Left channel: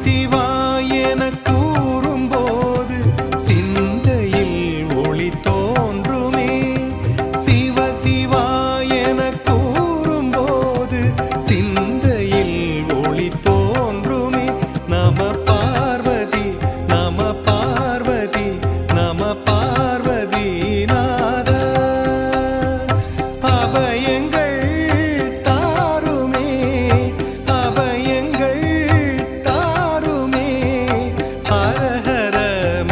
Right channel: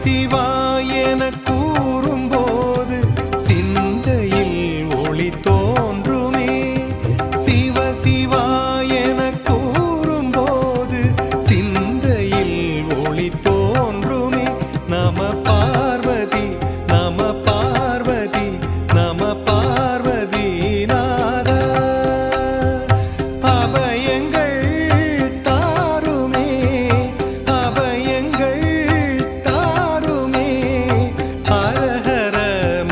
சிவாயன கூறும்போது சிந்தையில் ஒளி தோன்றுமே. சிவ சிவாயன கூறும்போது சிந்தையில் ஒளி தோன்றுமே. நம பார்வதி நம பார்வதி நம பார்வதி நாத. அபயங்கள் தாருமே அபயங்கள் தாருமே. ஹரஹர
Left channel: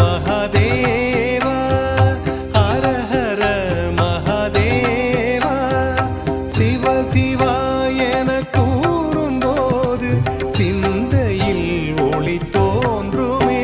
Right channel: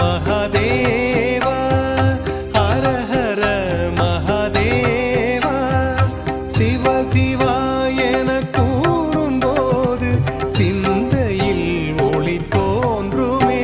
மகாதேவா ஹரஹர மகாதேவா. சிவ சிவாயன கூறும்போது சிந்தையில் ஒளி தோன்றுமே.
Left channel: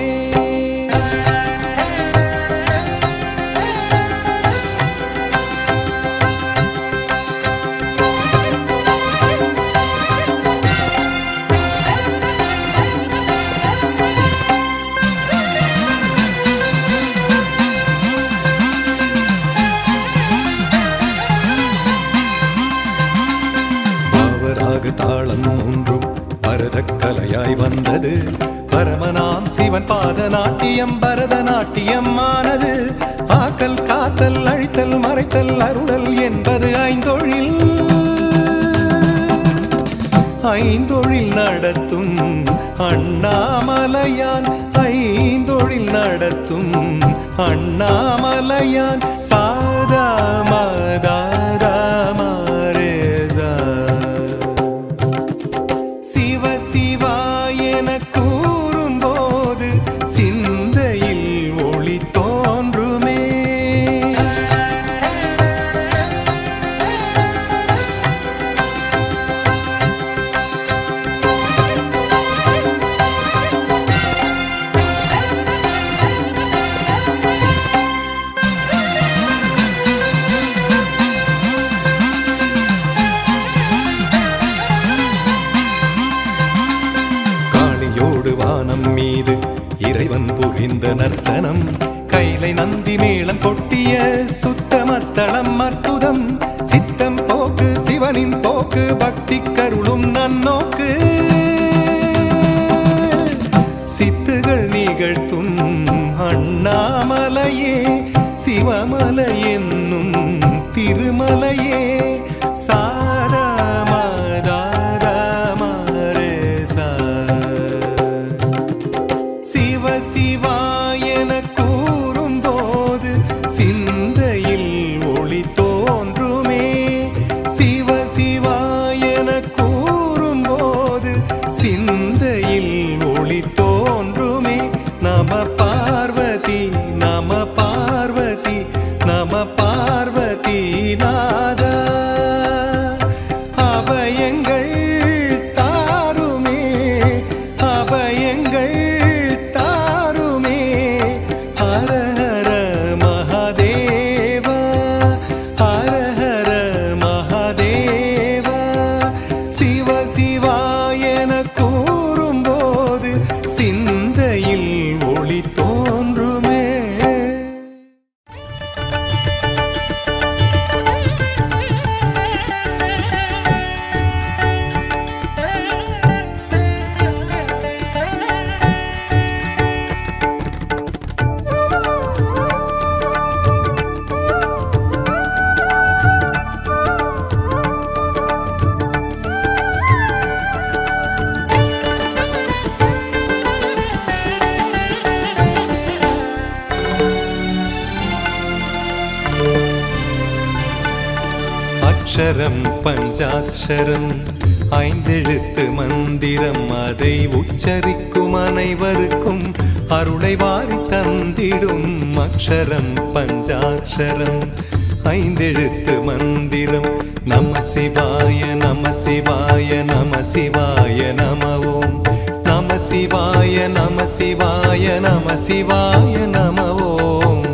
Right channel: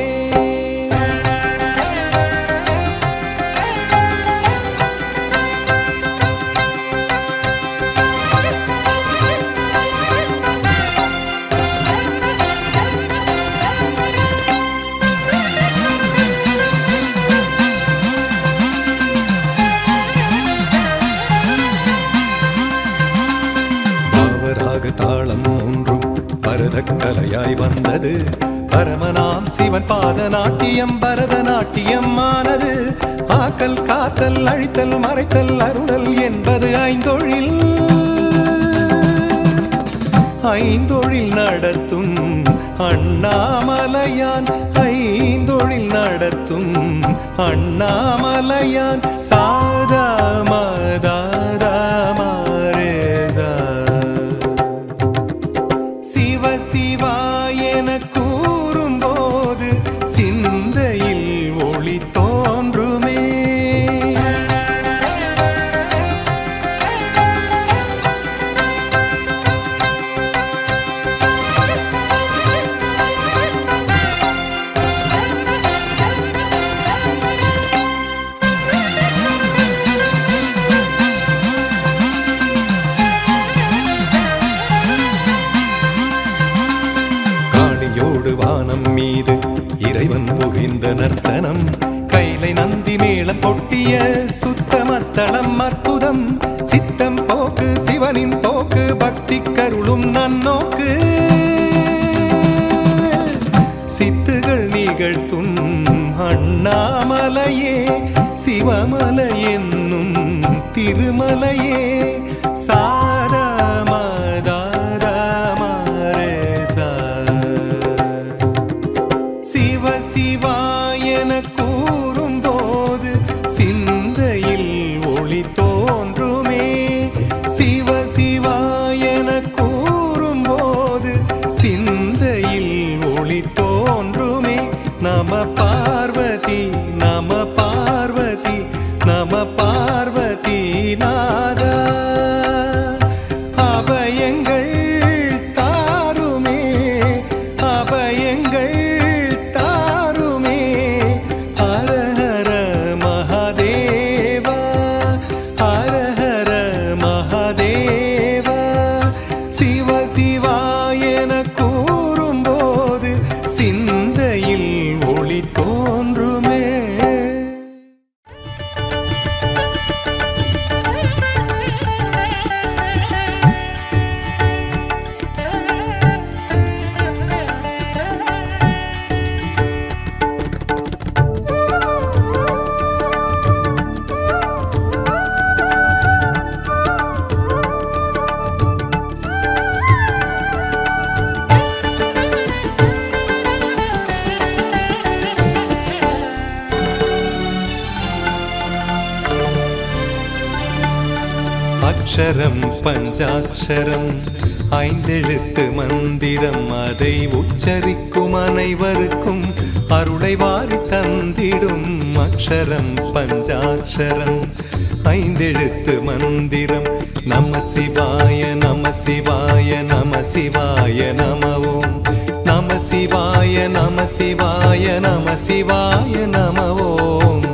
பாவராக தாளம் ஒன்றும் பரதக்கலையாய் வந்தது. பரமனாம் சிவன் பாதநாட்டியம் பரதநாட்டியம் ஆனது. ஆக்கல் காத்தல் அழித்தல் மறைத்தல் அருளல் என்பது ஐந்தொழில். ஐந்தொழில் நடத்தும் அண்ணாமலையான் ஐந்தொழில் நடத்தும் அண்ணாமலையான். சாதா மதாதா மாரேதா. சிவ சிவாயன கூறும்போது சிந்தையில் ஒளி தோன்றுமே. காளியோடு வானம் மீது இறைவன் புரிந்த நர்த்தனம். கைலை நந்தி மேளம் கொட்டிய சுத்தமத்தளம் அற்புதம். சித்தம் போக்கு சிவனின் போக்கு பக்தி கருளும் நன்னோக்கு. சித்துகள் நிகழ்த்தும் அண்ணாமலையே சிவமலை என்னும் திருமலையே. சாரா மதாதா மாரேசா. சிவ சிவாயன கூறும்போது சிந்தையில் ஒளி தோன்றுமே. சிவ சிவாயன கூறும்போது சிந்தையில் ஒளி தோன்றுமே. நம பார்வதி நம பார்வதி நம பார்வதி நாத. அபயங்கள் தாருமே அபயங்கள் தாருமே. ஹரஹர மகாதேவா ஹரஹர மகாதேவா. சிவ சிவாயன கூறும்போது சிந்தையில் ஒளி தோன்றுமே. அக்ஷரம் பஞ்சாட்சரம் ஐந்தெழுத்து மந்திரம். அதை உச்சரிக்கும் அனைவருக்கும் அருளை வாரி தந்திடும். அக்ஷரம் பஞ்சாட்சரம் ஐந்தெழுத்து மந்திரம். நம சிவாய நம சிவாய நம சிவாய நம ஓம். நம சிவாய நம சிவாய நம சிவாய நம ஓம்.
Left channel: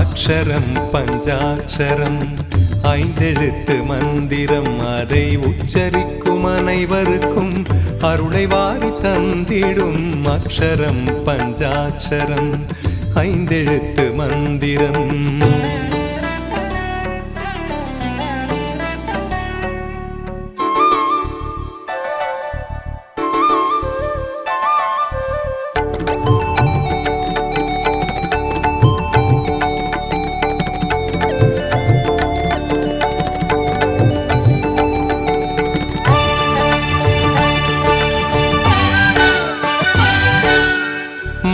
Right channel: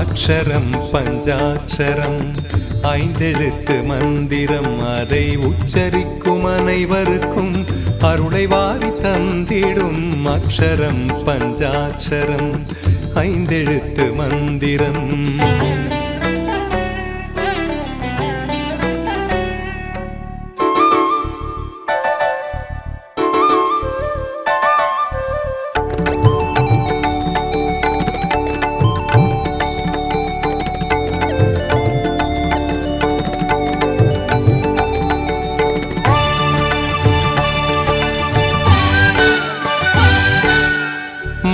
அக்ஷரம் பஞ்சாட்சரம் ஐந்தெழுத்து மந்திரம் அதை உச்சரிக்கும் அனைவருக்கும் அருளை வாரி தந்திடும் அக்ஷரம் பஞ்சாட்சரம் ஐந்தெழுத்து மந்திரம்.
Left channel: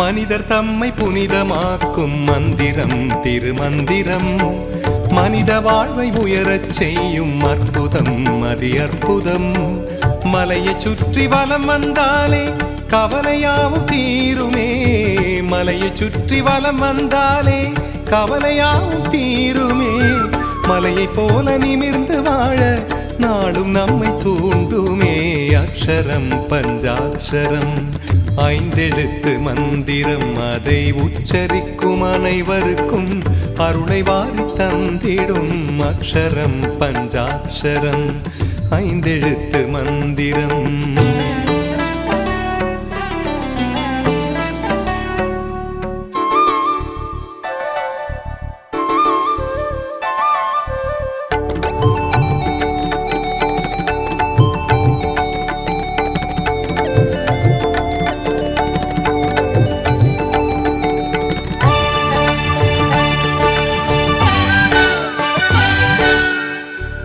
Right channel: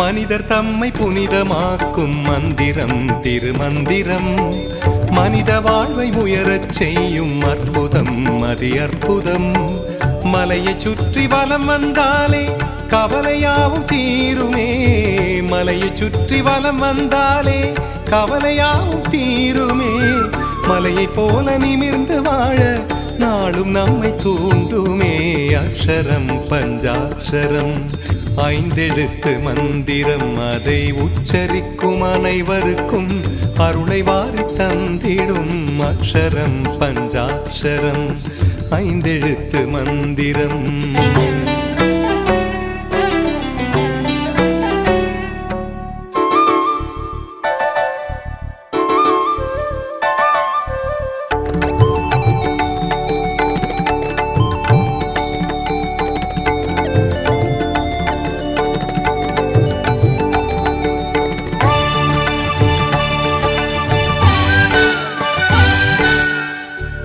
மனிதர் தம்மை புனிதமாக்கும் மந்திரம் திருமந்திரம் மனித வாழ்வை உயரச் செய்யும் அற்புதம் அதி அற்புதம். மலையை சுற்றி வலம் வந்தாலே கவலையாவும் தீருமே, மலையை சுற்றி வலம் வந்தாலே கவலையாவும் தீருமே. மலையை போல நிமிர்ந்து வாழ நாளும் நம்மை தூண்டுமே அக்ஷரம் பஞ்சாட்சரம் ஐந்தெழுத்து மந்திரம் அதை உச்சரிக்கும் அனைவருக்கும் அருளை வாரி தந்திடும் அக்ஷரம் பஞ்சாட்சரம் ஐந்தெழுத்து மந்திரம்.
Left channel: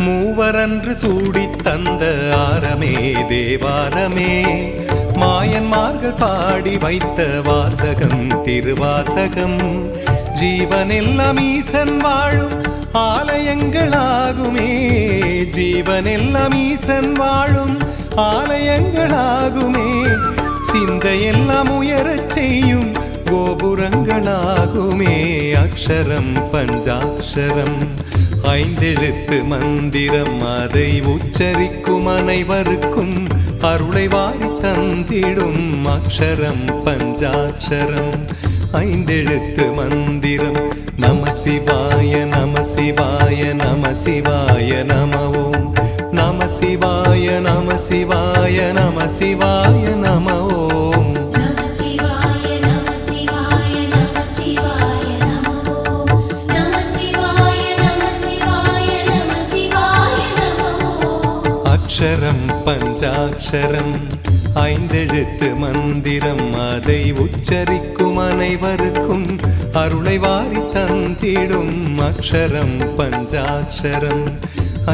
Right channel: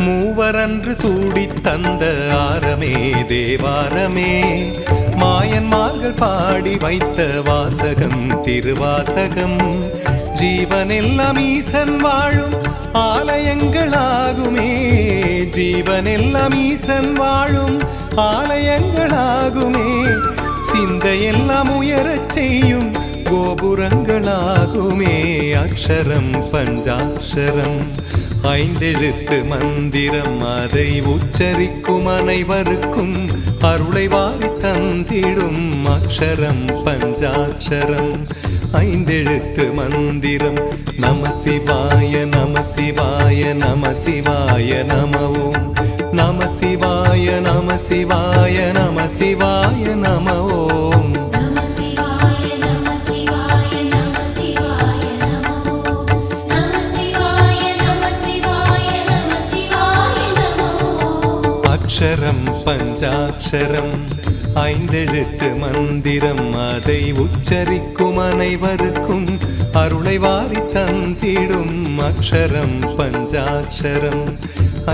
மூவரன்று சூடித் தந்த ஆரமே தேவாரமே மாயன்மார்கள் பாடி வைத்த வாசகம் திருவாசகம். ஜீவனெல்லாம் ஈசன் வாழும் ஆலயங்களாகுமே, ஜீவனெல்லாம் ஈசன் வாழும் ஆலயங்களாகுமே. சிந்தையெல்லாம் உயரச் செய்யும் கோபுரங்களாகுமே அக்ஷரம் பஞ்சாட்சரம் ஐந்தெழுத்து மந்திரம் அதை உச்சரிக்கும் அனைவருக்கும் அருளை வாரி தந்திடும் அக்ஷரம் பஞ்சாட்சரம் ஐந்தெழுத்து மந்திரம். நம சிவாய நம சிவாய நம சிவாய நம ஓம் நம சிவாய நம சிவாய நம சிவாய நம ஓம். அக்ஷரம் பஞ்சாட்சரம் ஐந்தெழுத்து மந்திரம் அதை உச்சரிக்கும் அனைவருக்கும் அருளை வாரி தந்திடும் அக்ஷரம் பஞ்சாட்சரம்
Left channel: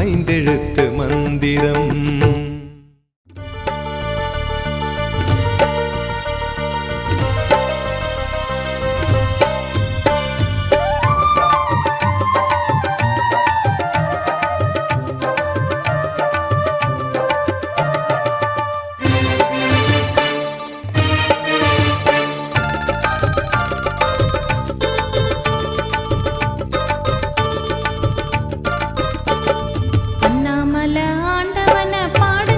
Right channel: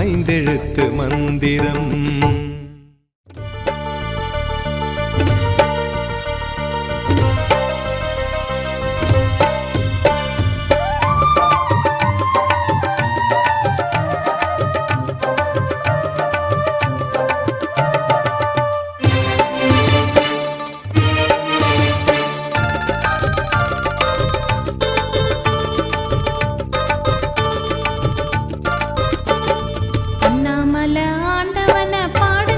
ஐந்தெழுத்து மந்திரம். ஆண்டவன பாட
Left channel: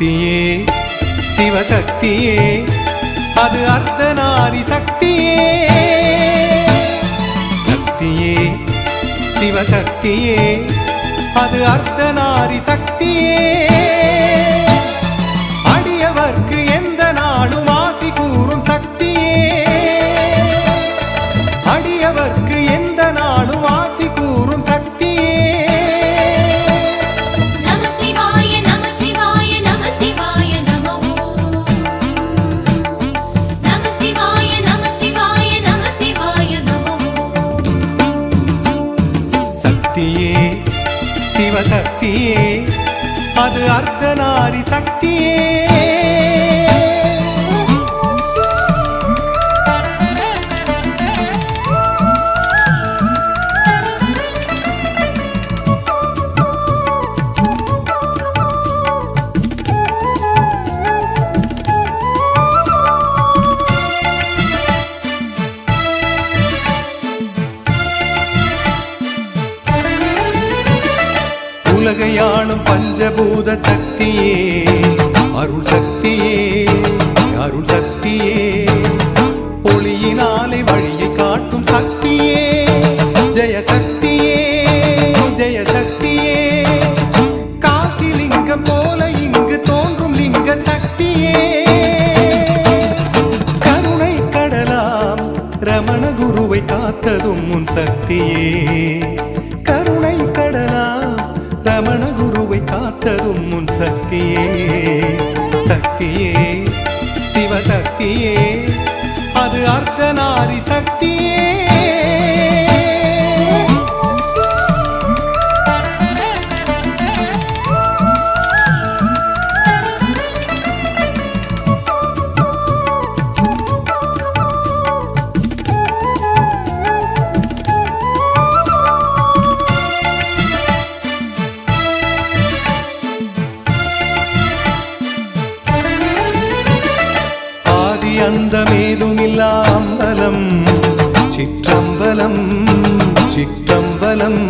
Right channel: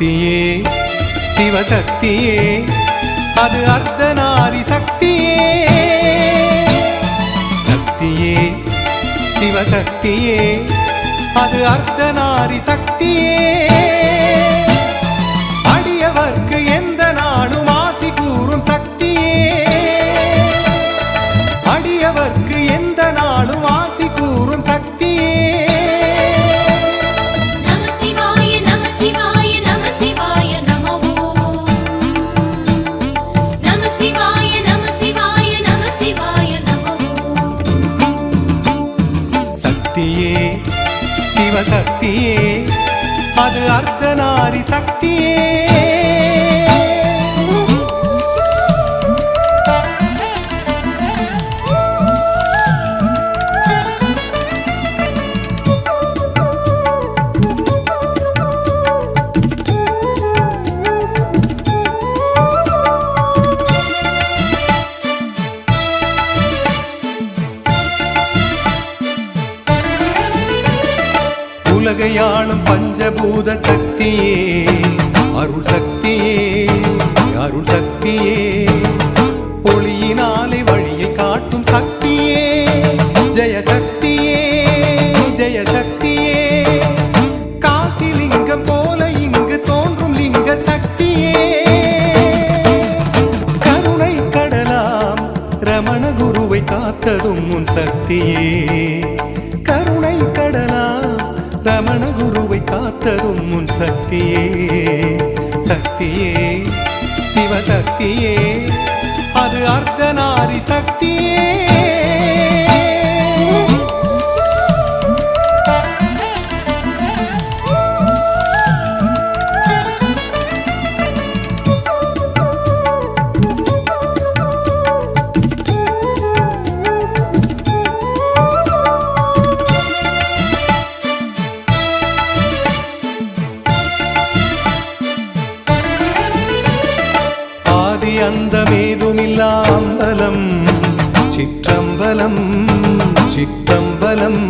சக்தியே சிவசக்தியே அது அர்த்தநாரி சக்தியே சக்தியே சிவசக்தியே அது அர்த்தநாரி சக்தியே அடியவர்க்கு எந்த நாளும் ஆசி கூறும் சக்தியே அடியவர்க்கு எந்த நாளும் ஆசி கூறும் சக்தியே சக்தியே சிவசக்தியே அது அர்த்தநாரி சக்தியே உலகையாளும் பஞ்சபூத சக்தியே அருள் சக்தியே அருள் சக்தியே ஒளியினாலே வழியை காட்டும் சக்தியே ஜெய சக்தியே ஜெய சக்தியே காசி லிங்கம் போல இங்கு தோன்றும் லிங்க சக்தியே கருணை கடலாம் ரமண குருவை காத்ததும் உன் சக்தியே கருணை கடலாம் ரமண குருவை காத்ததும் உன் சக்தியே சக்தியே சிவசக்தியே அது அர்த்தநாரி சக்தியே அந்தமேதுமில்லா அம்பலம் சிற்றம்பலம் சிற்றம்பலம்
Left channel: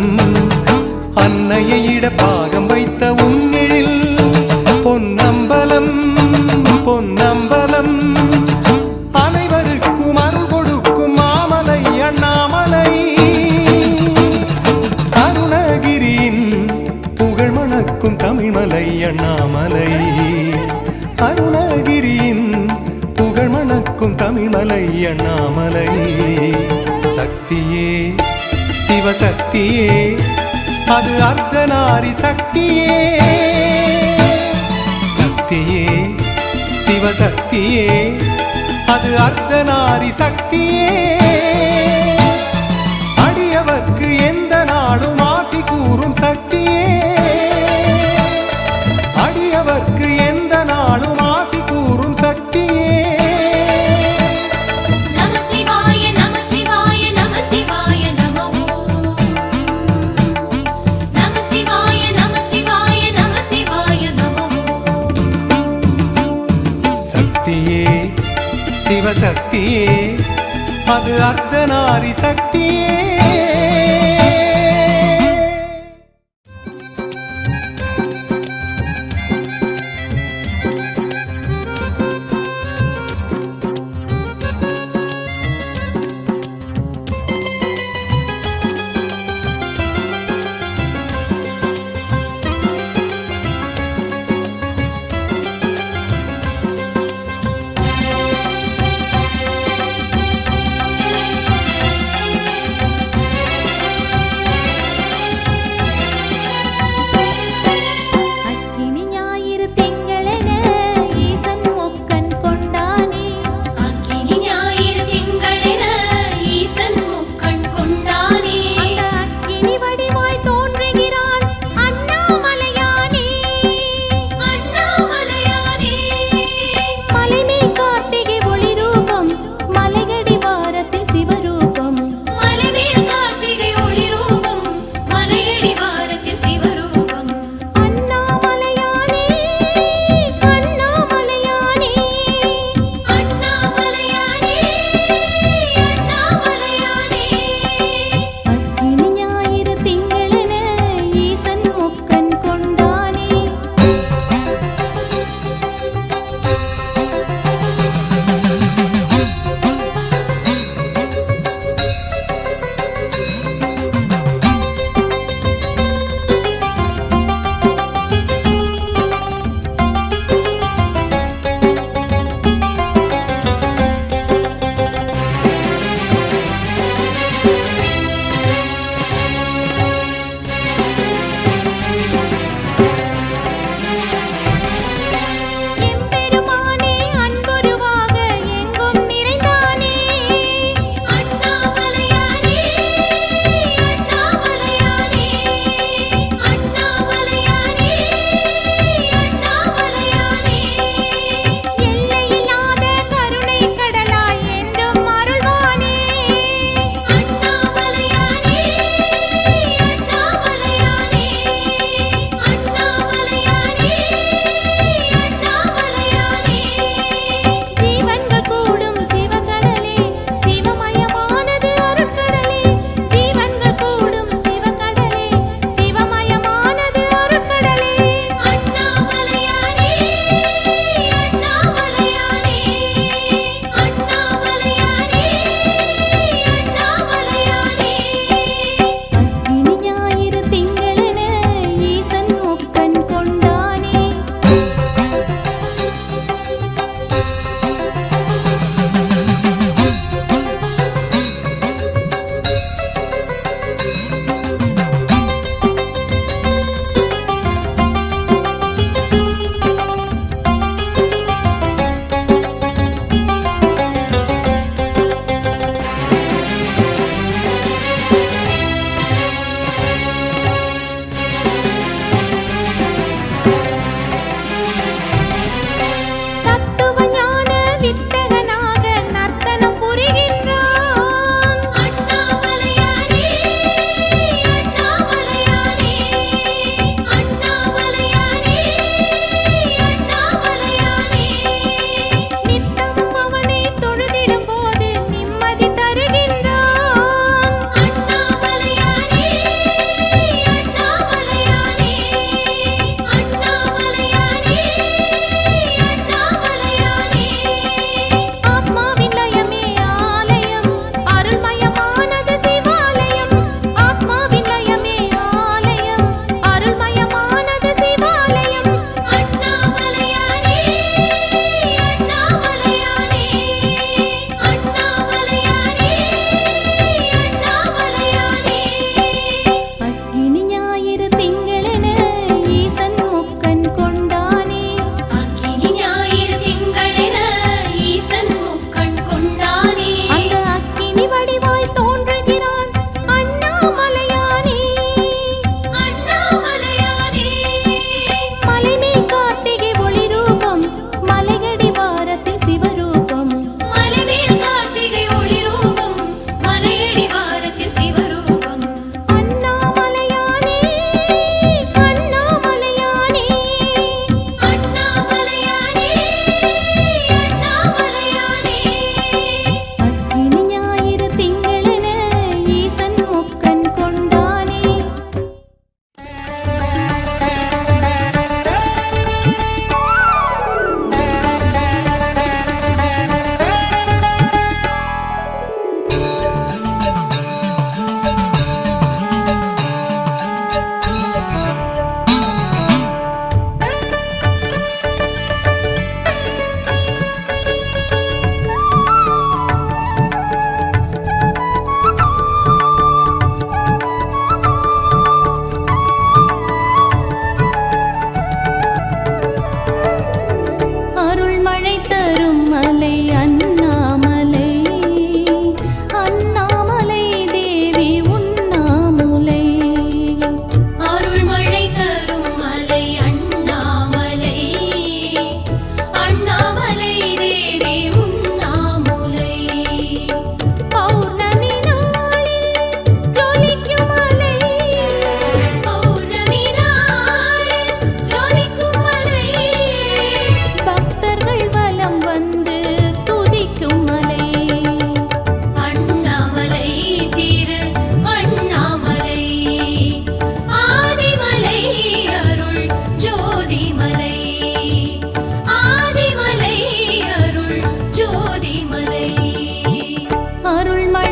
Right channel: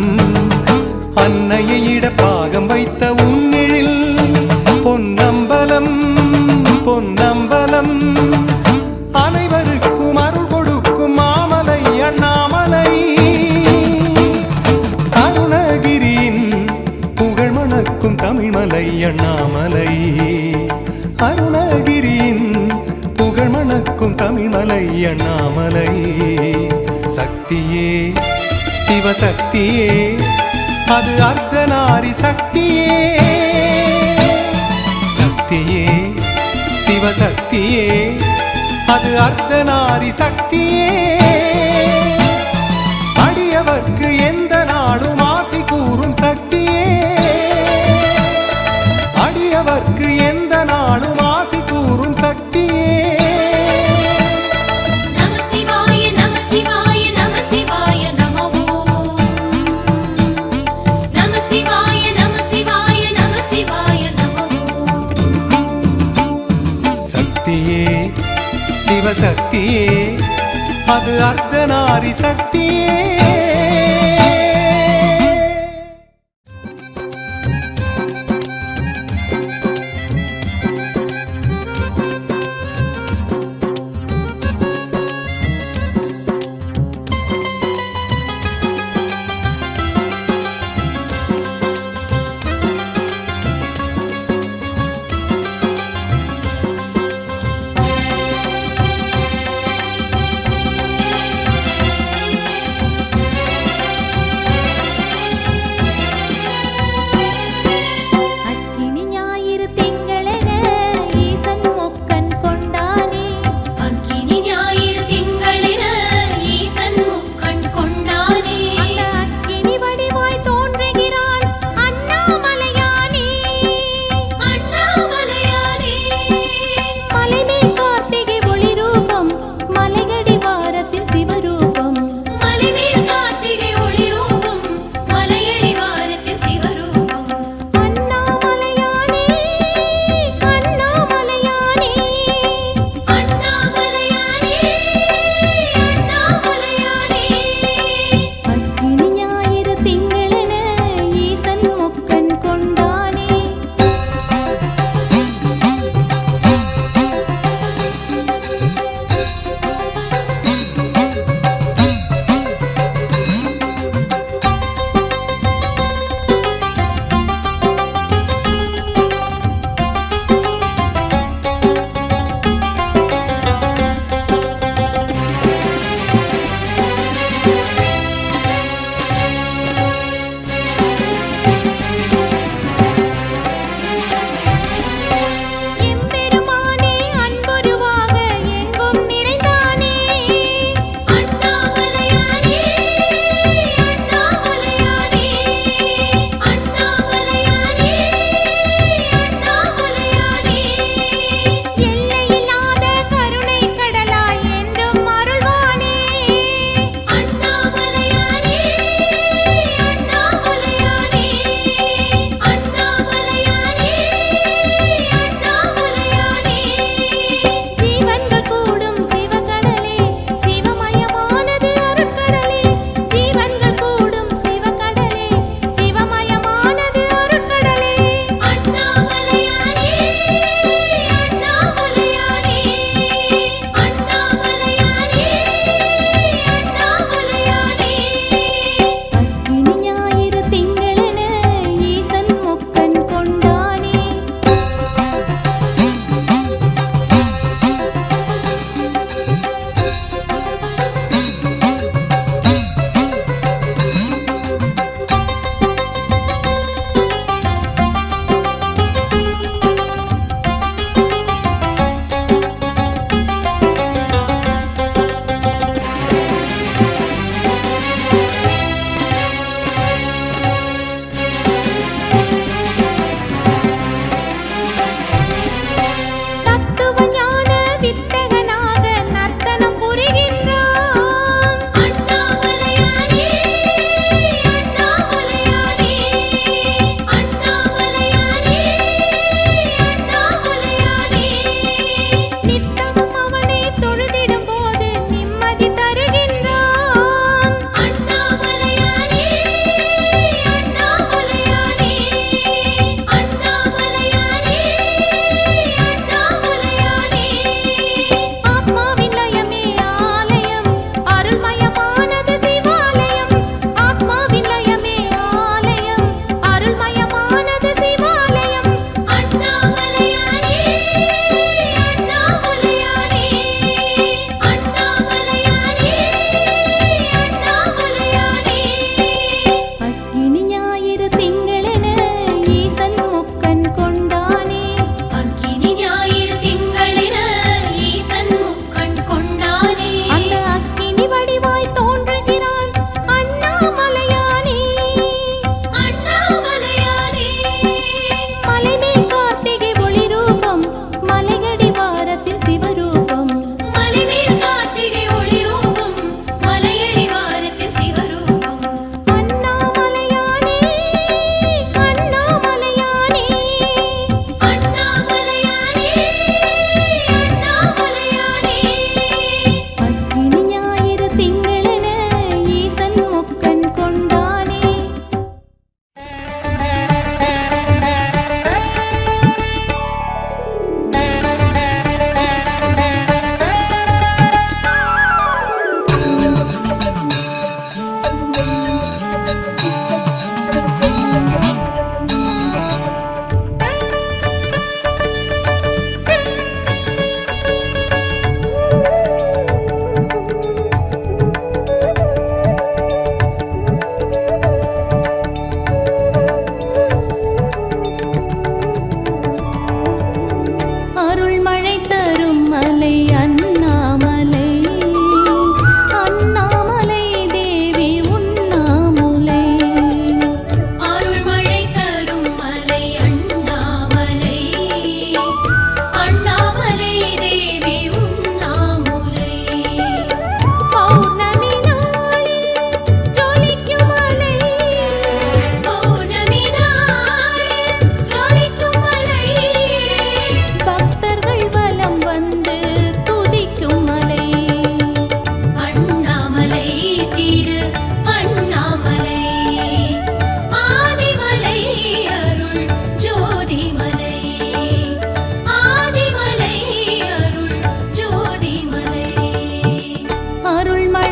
அன்னையை இட பாகம் வைத்த உன்னிழில் பொன்னம்பலம் பொன்னம்பலம் அனைவருக்கும் அருள் கொடுக்கும் மாமலை அண்ணாமலை அருணகிரியின் புகழ் மணக்கும் தமிழ்மலை அண்ணாமலை அருணகிரியின் புகழ் மணக்கும் தமிழ்மலை அண்ணாமலை சக்தியே சிவசக்தியே அது அர்த்தநாரி சக்தியே சக்தியே சிவசக்தியே அது அர்த்தநாரி சக்தியே அடியவர்க்கு எந்த நாளும் ஆசி கூறும் சக்தியே அடியவர்க்கு எந்த நாளும் ஆசி கூறும் சக்தியே சக்தியே சிவசக்தியே அது அர்த்தநாரி சக்தியே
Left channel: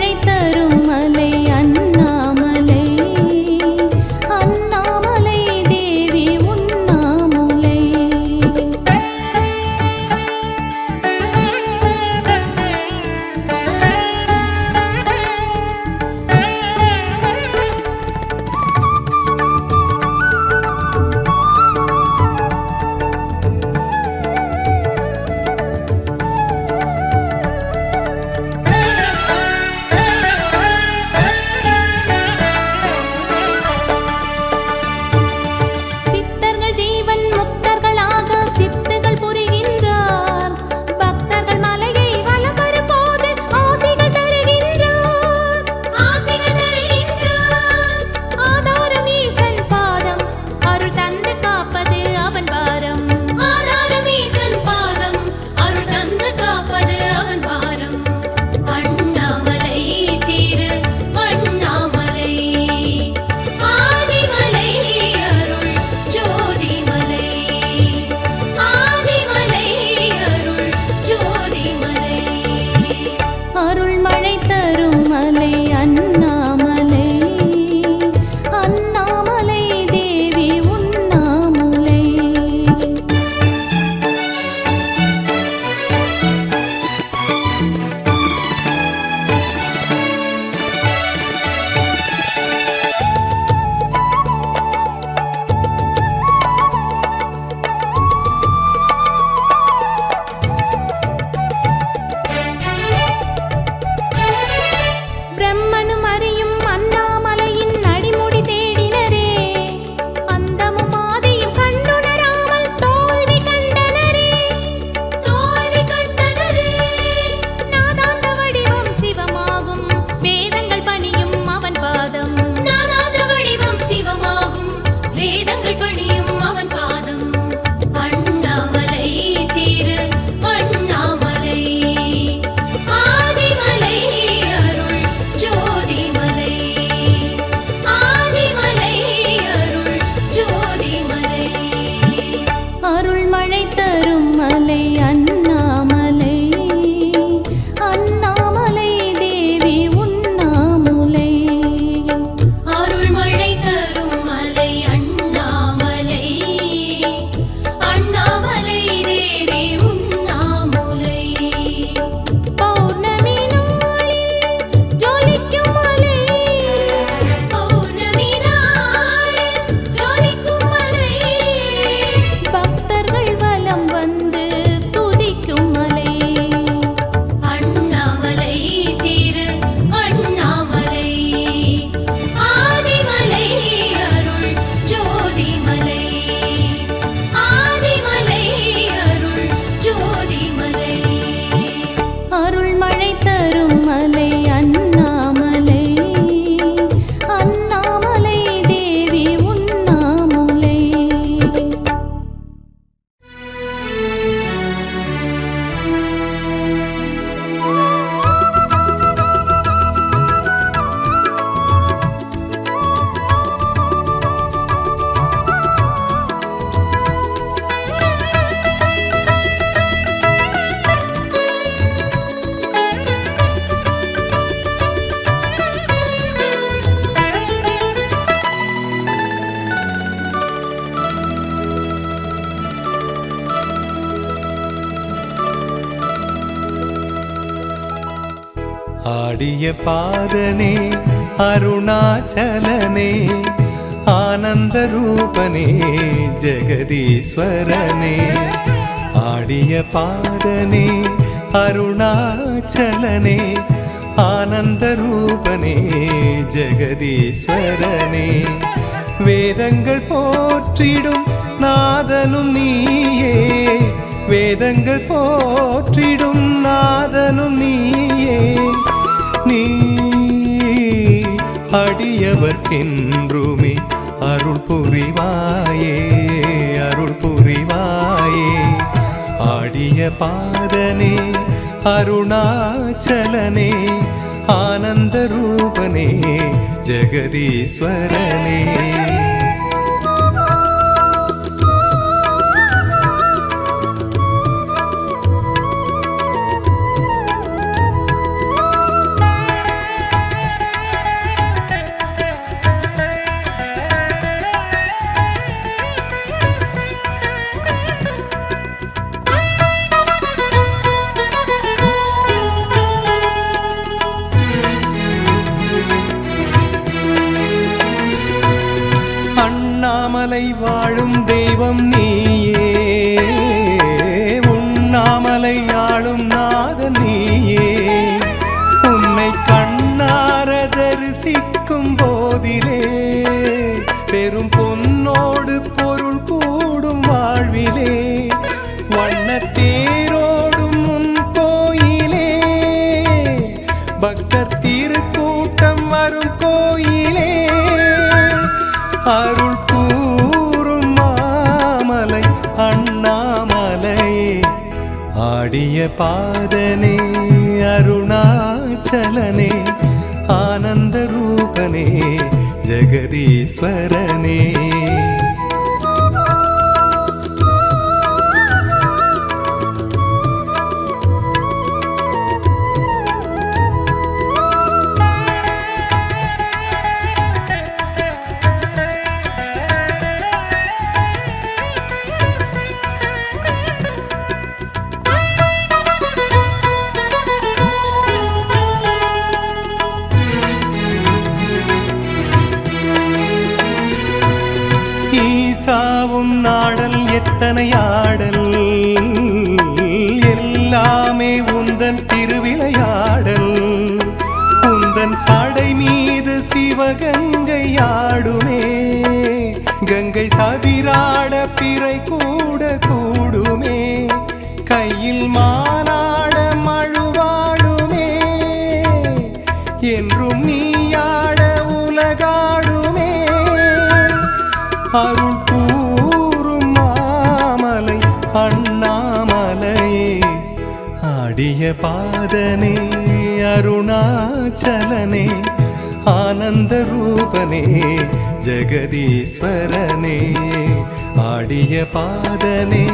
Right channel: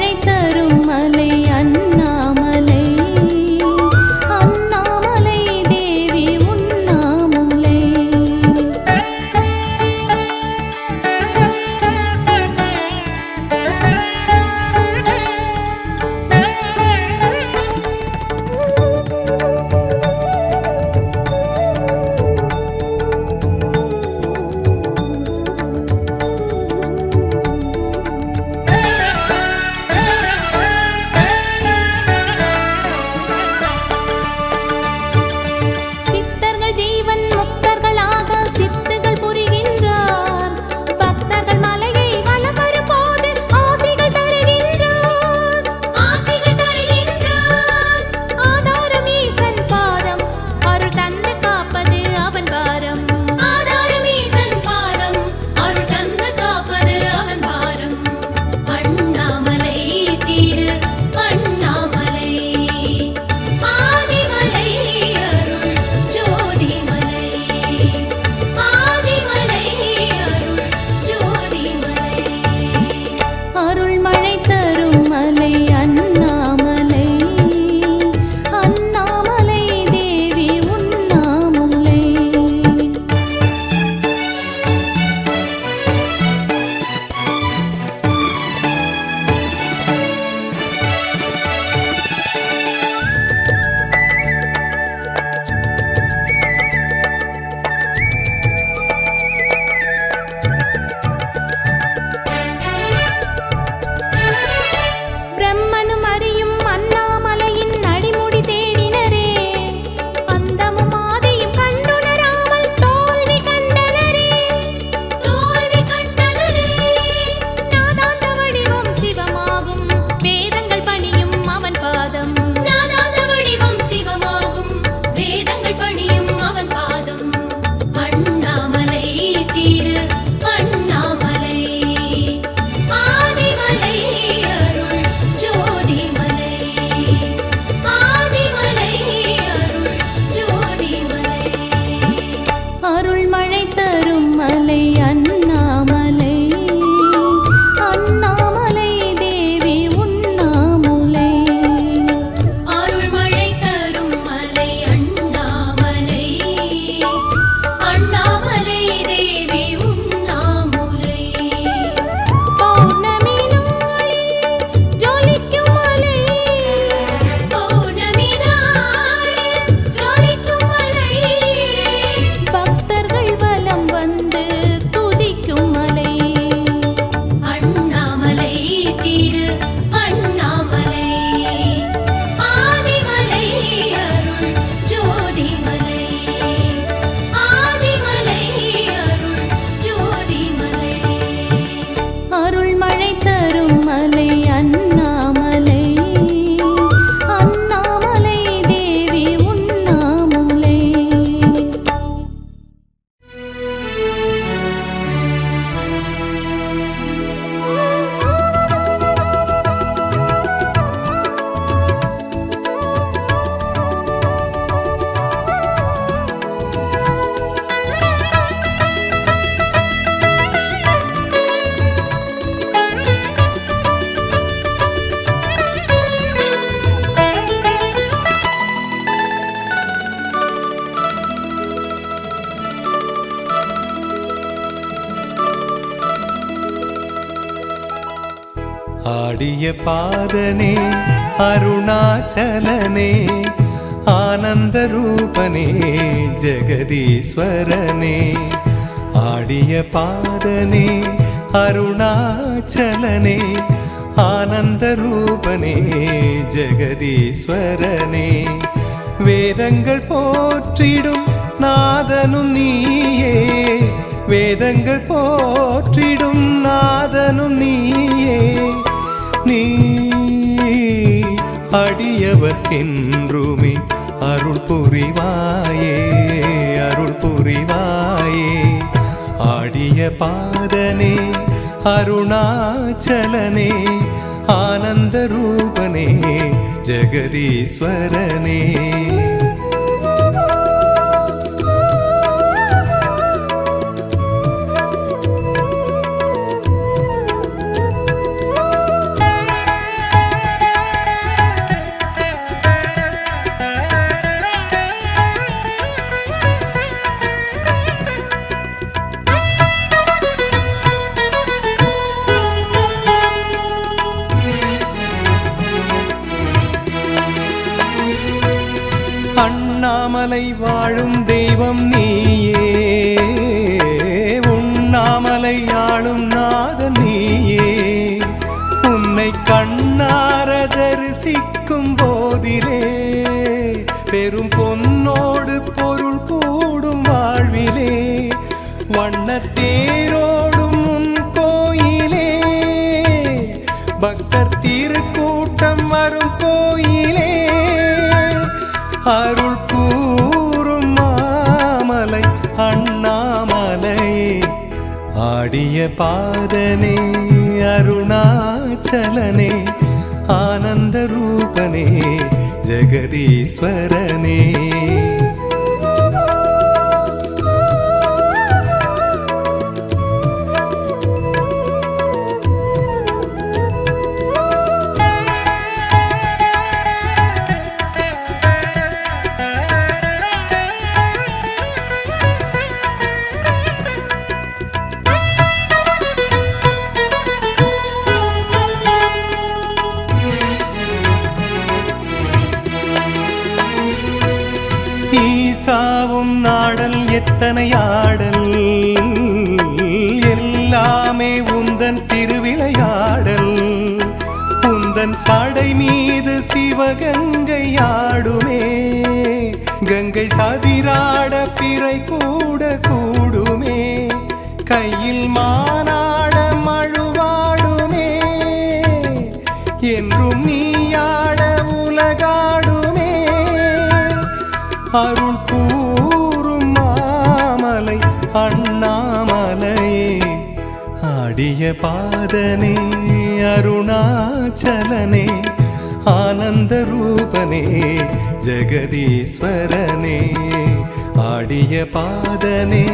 மழை தரும் மலை அண்ணாமலை, அண்ணாமலை தேவி உண்ணாமுலை. ஜீவன் முக்தர்களாக சித்துகள் புரிகின்றார். பக்தர்கள் மலையை வலம் வரும்போது ஆசிகள் தருகின்றார். ஆதாரம் ஈசன் பாதம், அருள் தந்து காப்பது அவன் பாரம். அருள் தந்து காப்பது அவன் பாரம். அண்ணாமலை திரு அண்ணாமலை, ஆதிமலை அருள் ஜோதிமலை, ஆதிமலை அருள் ஜோதிமலை. அருள் மழை தரும் மலை அண்ணாமலை, அண்ணாமலை தேவி உண்ணாமுலை. பிரம்மனும் அறியும் அண்ணாமலையின் அடிமுடி தேடினரே, அந்தமும் ஆதியும் கண்டுணராமல் தோல்வி கண்டனரே. நாதாந்த வடிவம் சிவமாகும், வேதங்கள் பணியும் அவன் பாதம். நாதாந்த வடிவம் சிவமாகும், வேதங்கள் பணியும் அவன் பாதம். அண்ணாமலை திரு அண்ணாமலை, ஆதிமலை அருள் ஜோதிமலை, ஆதிமலை அருள் ஜோதிமலை. அருள் மழை தரும் மலை அண்ணாமலை, அண்ணாமலை தேவி உண்ணாமுலை. அருள் மழை தரும் மலை அண்ணாமலை, அண்ணாமலை தேவி உண்ணாமுலை. பௌர்ணமி நாளில் ஜொலிக்கும் மலை, பௌர்ணமி நாளில் ஜொலிக்கும் மலை. பக்தர்கள் வலம் வந்து துதிக்கும் மலை. அண்ணாமலை திரு அண்ணாமலை, ஆதிமலை அருள் ஜோதிமலை, ஆதிமலை அருள் ஜோதிமலை. அருள் மழை தரும் மலை அண்ணாமலை, அண்ணாமலை தேவி உண்ணாமுலை. ஆடிய பாதனே அருணாச்சலனே, ஆனந்த ரூபனே ஜெகதீஸ்வரனே. ஆடிய பாதனே அருணாச்சலனே, ஆனந்த ரூபனே ஜெகதீஸ்வரனே. வேதங்கள் போற்றிடும் நாதனும் நீயே, வேதங்கள் போற்றிடும் நாதனும் நீயே. நீ அடியவர்க்கென்றுமே அருள் புரிவாயே, அருள் புரிவாயே. ஆடிய பாதனே அருணாச்சலனே, ஆனந்த ரூபனே ஜெகதீஸ்வரனே. உண்ணாமலை வாழும் தெய்வம் நீயே, உண்ணாமலை ஆளும் நாதன் நீயே. உன்னை கண்ணார தரிசிக்கும் போதிலே பெரும் பொன்னோடு பொருள் கூடும் வாழ்விலே. வண்ணத்தேரோடும் உன் கோயிலே, பக்தர் திருக்கூட்டம் வரும் கோயிலே. அருள் கூறும் மாமலை அண்ணாமலையே, ஆடிய பாதனே அருணாச்சலனே, ஆனந்த ரூபனே ஜெகதீஸ்வரனே. ஈசாவும் நாடல் எத்தனை ஆடல், எல்லாமே உந்தன் திருவிளையாடல். உந்தன் சடை மீது சிவகங்கை ஆடுமே, கங்கை சதிராட பிறை கூட கூடுமே. கையில் மானாட மழுவாடுமே, என்றும் நீயாட உலகாடுமே. அருள் கூறும் மாமலை அண்ணாமலையே, ஆடிய பாதனே அருணாச்சலனே, ஆனந்த ரூபனே ஜெகதீஸ்வரனே. ஆடிய பாதனே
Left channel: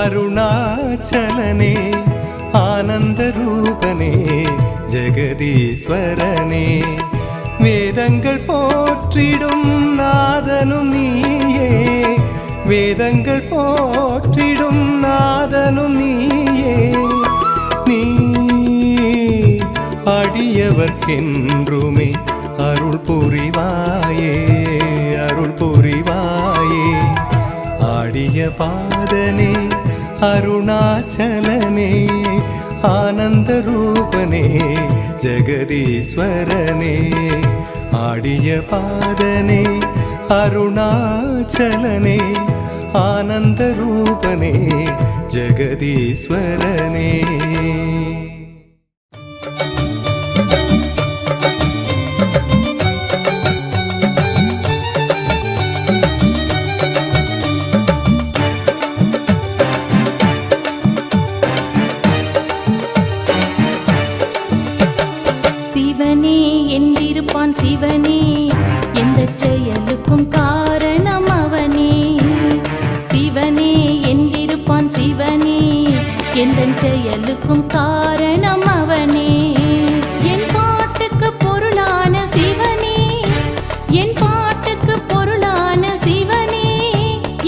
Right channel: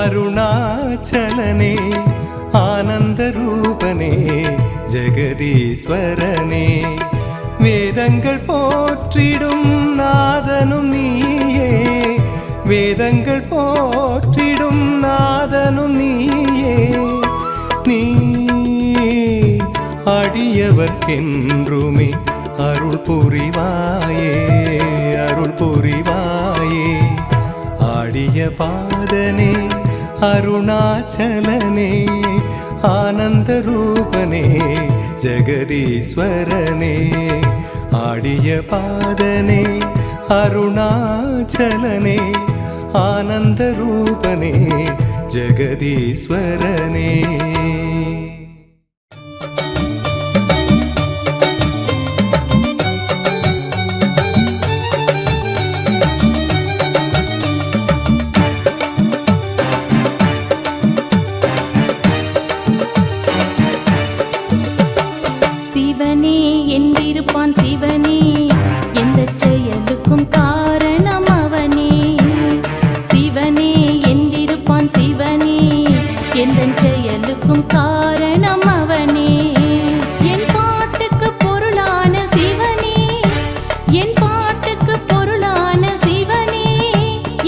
அருணாச்சலனே, ஆனந்த ரூபனே ஜெகதீஸ்வரனே. வேதங்கள் போற்றிடும் நாதனும் நீயே, வேதங்கள் போற்றிடும் நாதனும் நீயே. நீ அடியவர்க்கென்றுமே அருள் புரிவாயே, அருள் புரிவாயே. ஆடிய பாதனே அருணாச்சலனே, ஆனந்த ரூபனே ஜெகதீஸ்வரனே. ஆடிய பாதனே அருணாச்சலனே, ஆனந்த ரூபனே ஜெகதீஸ்வரனே. சிவனே என்றிருப்பான் சிவனே, எந்த செயலுக்கும் காரணம் அவனே. சிவனே என்றிருப்பான் சிவனே, எந்த செயலுக்கும் காரணம் அவனே. என் பாட்டுக்கு பொருளான சிவனே, என் பாட்டுக்கு பொருளான சிவனே,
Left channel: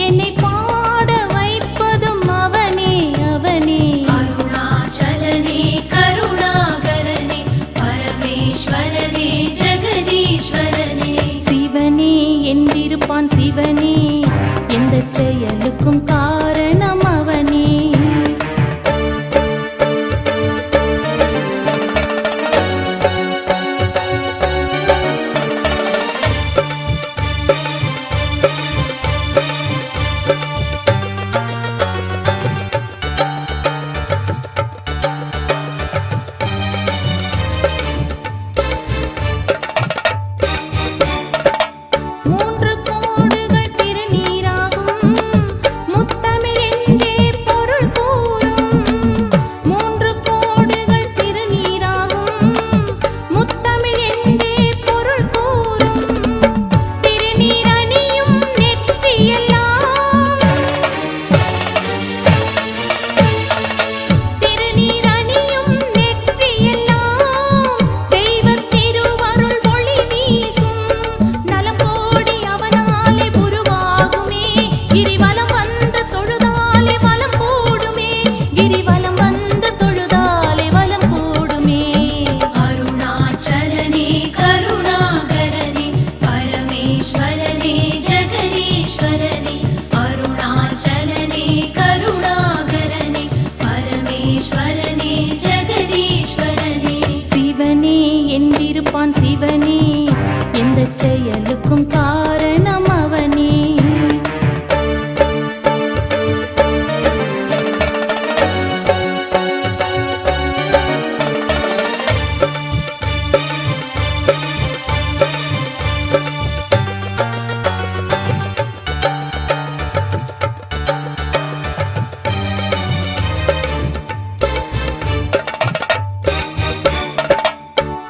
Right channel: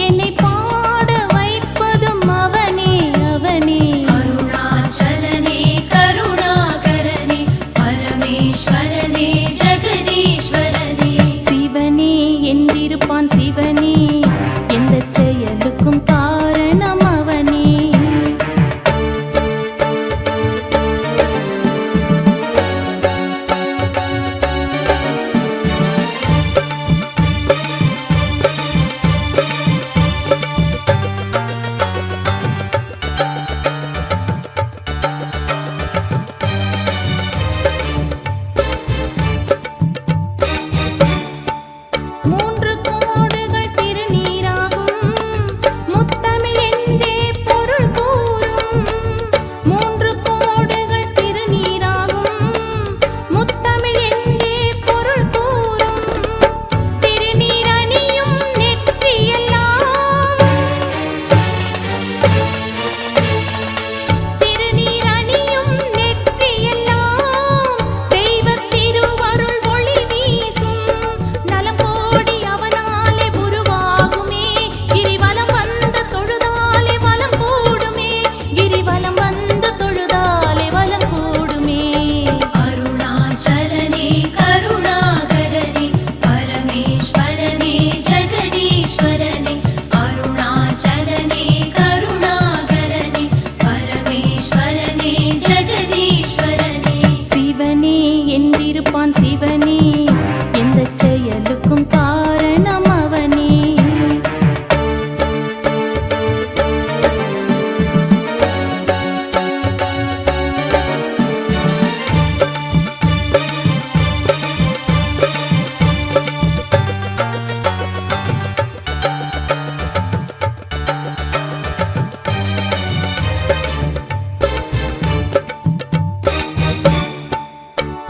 என்னை பாட வைப்பதும் அவனே அவனே. அருணாச்சலனே கருணாகரனே பரமேஸ்வரனே ஜெகதீஸ்வரனே. சிவனே என்றிருப்பான் சிவனே, எந்த செயலுக்கும் காரணம் அவனே. சிவனே என்றிருப்பான் சிவனே, எந்த செயலுக்கும் காரணம் அவனே.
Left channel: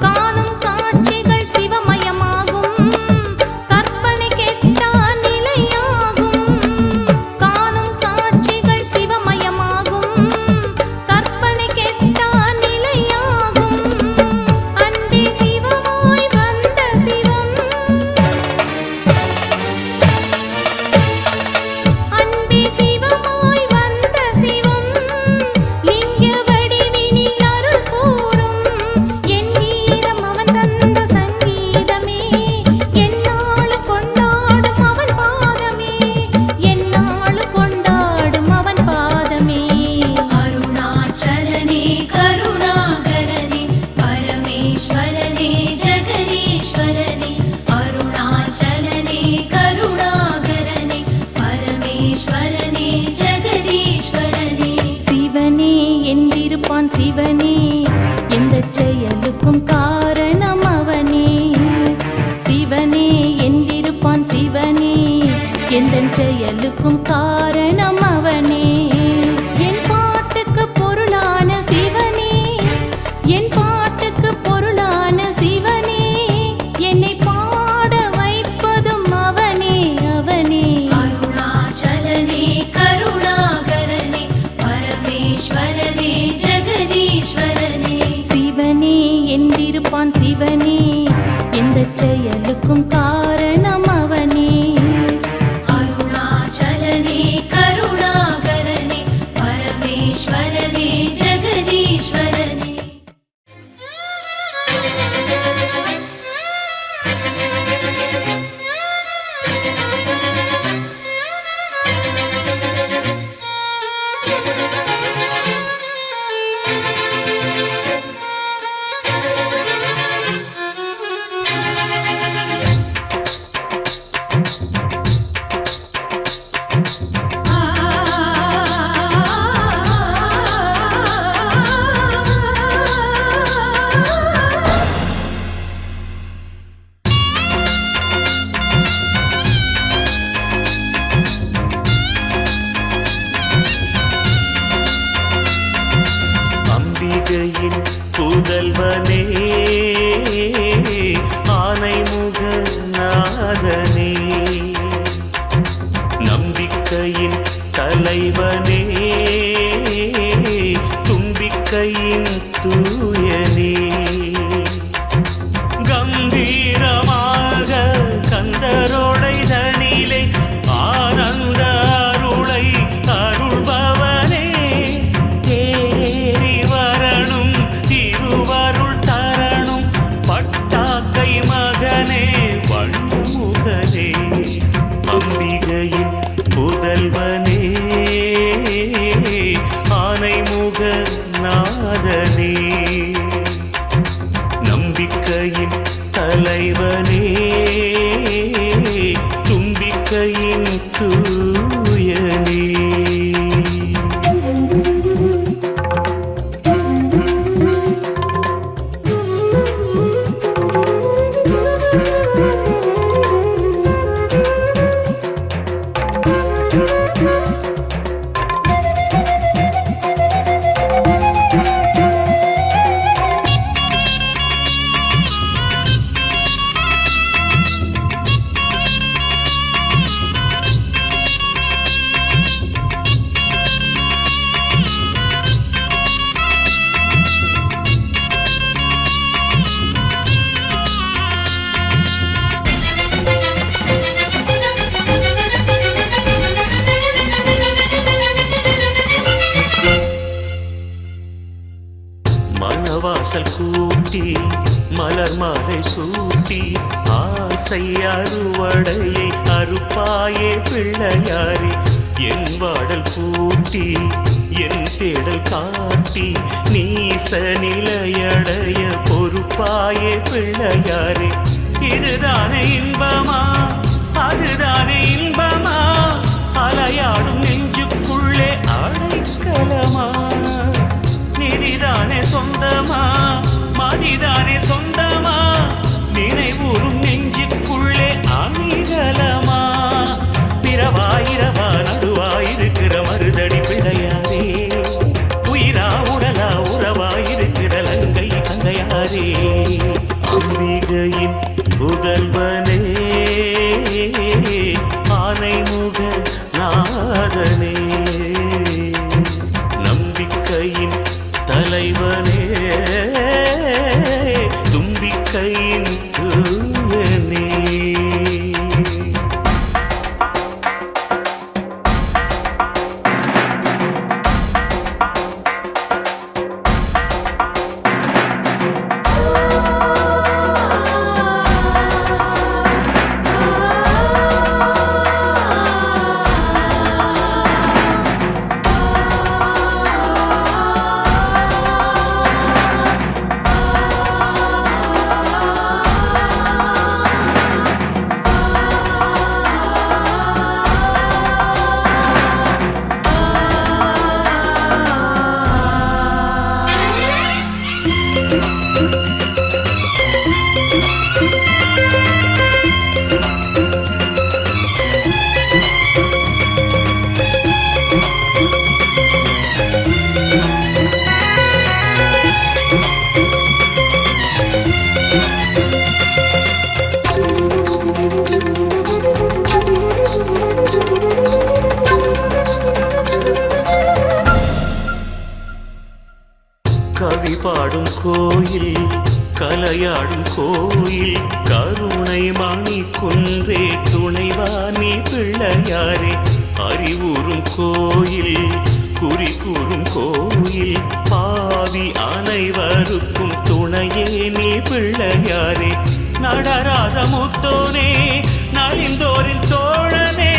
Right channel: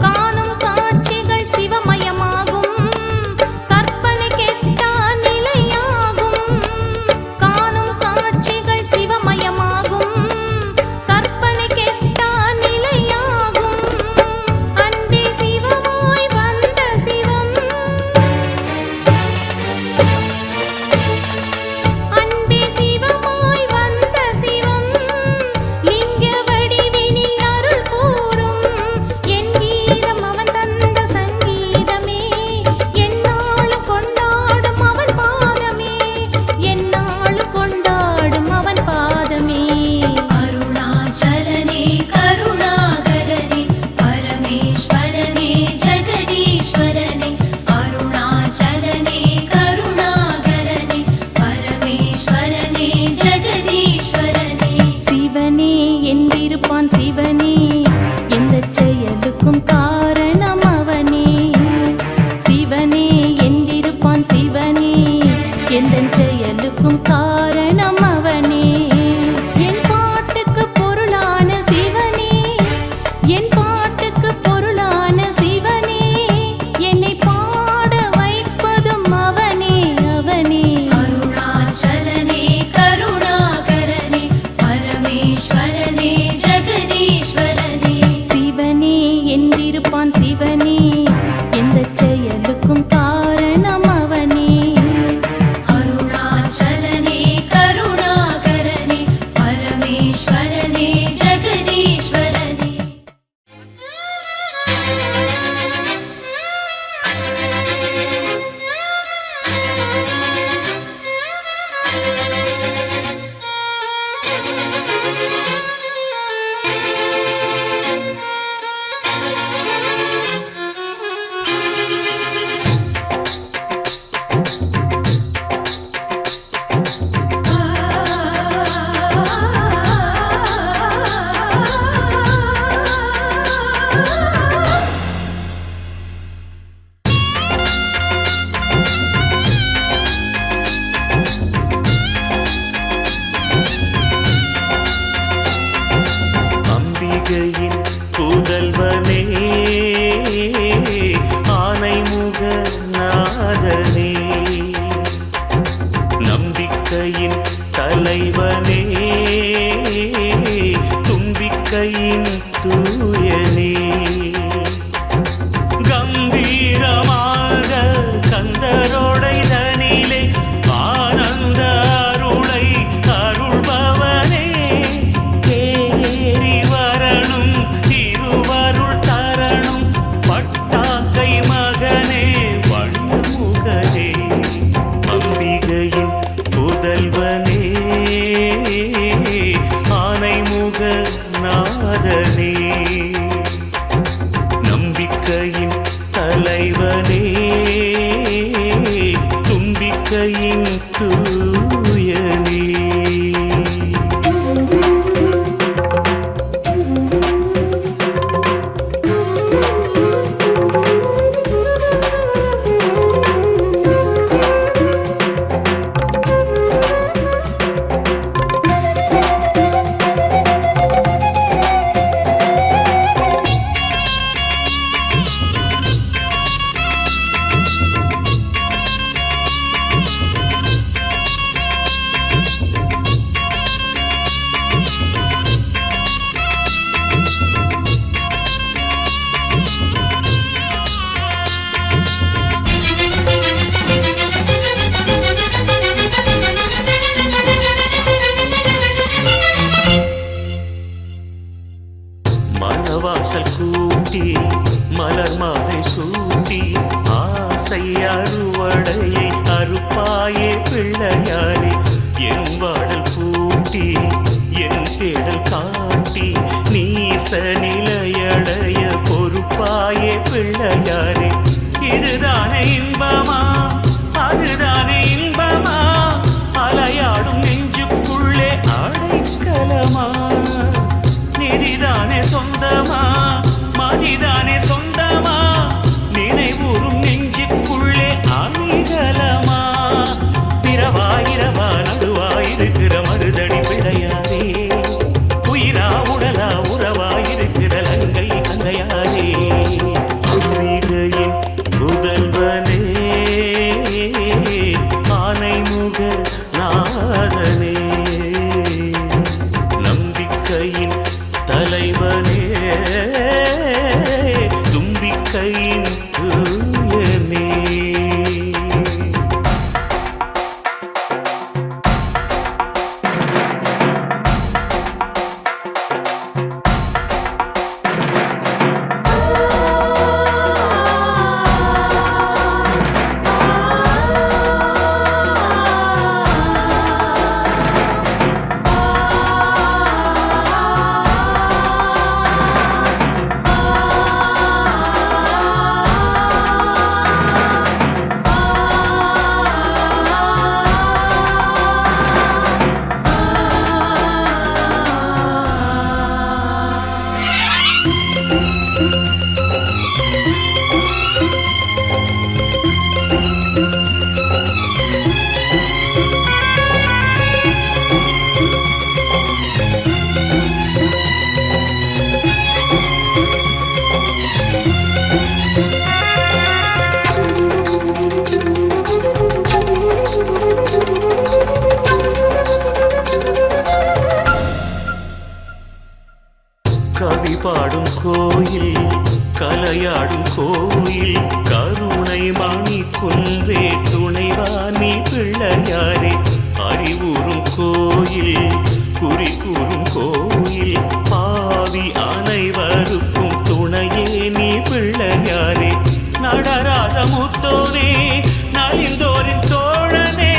காணும் காட்சிகள் சிவமயமாகும், கற்பனை கெட்டா நிலையாகும். காணும் காட்சிகள் சிவமயமாகும், கற்பனை கெட்டா நிலையாகும். அன்பே சிவமாய் வந்த சிவம், அன்பே சிவமாய் வந்த சிவம், லிங்க வடிவினில் அருள் கூறும். என் கீதம் அவன் தந்த சங்கீதமே, எந்நாளும் கொண்டாடும் அவன் பாதமே, எந்நாளும் கொண்டாடும் அவன் பாதமே. அருணாச்சலனே கருணாகரனே பரமேஸ்வரனே ஜெகதீஸ்வரனே. அருணாச்சலனே கருணாகரனே பரமேஸ்வரனே ஜெகதீஸ்வரனே. சிவனே என்றிருப்பான் சிவனே, எந்த செயலுக்கும் காரணம் அவனே. சிவனே என்றிருப்பான் சிவனே, எந்த செயலுக்கும் காரணம் அவனே. என் பாட்டுக்கு பொருளான சிவனே, என் பாட்டுக்கு பொருளான சிவனே, என்னை பாட வைப்பதும் அவனே அவனே. அருணாச்சலனே கருணாகரனே பரமேஸ்வரனே ஜெகதீஸ்வரனே. சிவனே என்றிருப்பான் சிவனே, எந்த செயலுக்கும் காரணம் அவனே. அருணாச்சலனே கருணாகரனே பரமேஸ்வரனே ஜெகதீஸ்வரனே. அம்பிகையின் புதல்வனே, ஆனைமுக நாதனே, நம்பிக்கையின் தலைவனே, தும்பிக்கையின் தூயனே. கம்பீரமாக கந்தரோடை தனிலே ஆனந்த அருளை அருள்பவனே. தேறி வரணும் திருவருள் தரணும் பட்டாக்கை மகனே வண்ணமுகனே. அம்பிகையின் புதல்வனே, ஆனைமுக நாதனே, நம்பிக்கையின் தலைவனே, தும்பிக்கையின் தூயனே. மணவாசல் கூட்டி மலர் மாலை சூட்டி ஆசை அறுவடையை அறுப்பாயே பிள்ளையாரே. என் வாடல் பூட்டி என் தேடல் காட்டி நீச நிலையடைய பொறுப்பு அறுப்பாயே பிள்ளையாரே. இதுதானே இன்பமா, அதுதானே இன்பமா, அலையாடும் நெஞ்சுக்குள்ளே அடைக்கலமா. நிதிதானே சொந்தமா, மதிதானே சொந்தமா, நினைவூறும் நெஞ்சுக்குள்ளே அணிகலமா. பிறவா இரவா நடுவாயிருக்கிற மருதடி பிள்ளையாரே, உயிரா உடலா உறவாயிருக்கிற லங்கை கந்தையாரே. அம்பிகையின் புதல்வனே, ஆனைமுக நாதனே, நம்பிக்கையின் தலைவனே, தும்பிக்கையின் தூயனே. கவி பாடும் கோயில், கலையாடும் கோயில், கருணை மணி குன்றே துணைவா நீ பிள்ளையாரே. அறிவுறும் கோயில், குறி கூறும் கோயில், பாவி அனைவருக்கும் துணையே நீ பிள்ளையாரே. நடராசமுத்தோனே, நலிந்தோரின் தோழனே,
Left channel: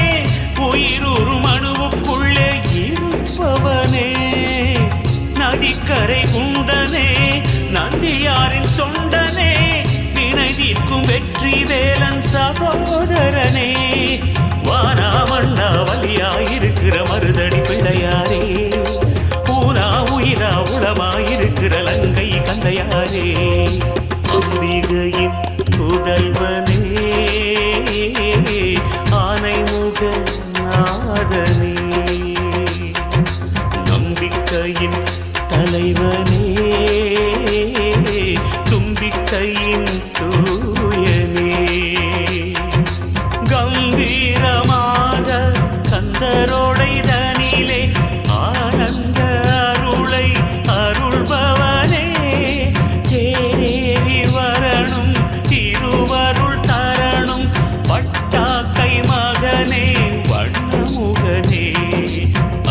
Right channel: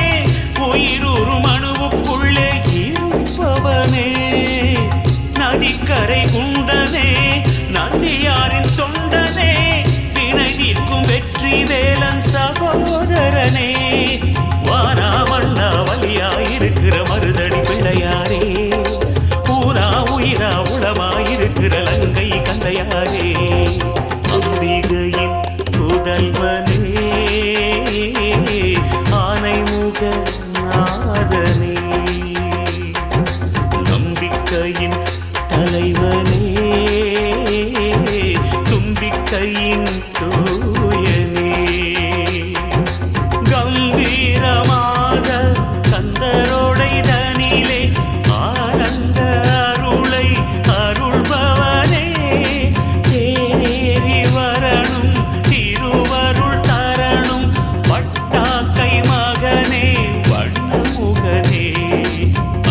உயிரூறும் அணுவுக்குள்ளே இருப்பவனே. நதிக்கரை குண்டனே, நந்தியாரின் தொண்டனே, வினை தீர்க்கும் வெற்றி வேலன் சகோதரனே. வானா மண்ணா வலியாயிருக்கிற மருதடி பிள்ளையாரே, ஊனா உயிரா உளமாயிருக்கிற லங்கை கந்தையாரே. அம்பிகையின் புதல்வனே, ஆனைமுக நாதனே, நம்பிக்கையின் தலைவனே, தும்பிக்கையின் தூயனே. கம்பீரமாக கந்தரோடைதனிலே ஆனந்த அருளை அருள்பவனே. தேரேறி வரணும் திருவருள் தரணும், பட்டாக்கை மகனே வண்ணமுகனே.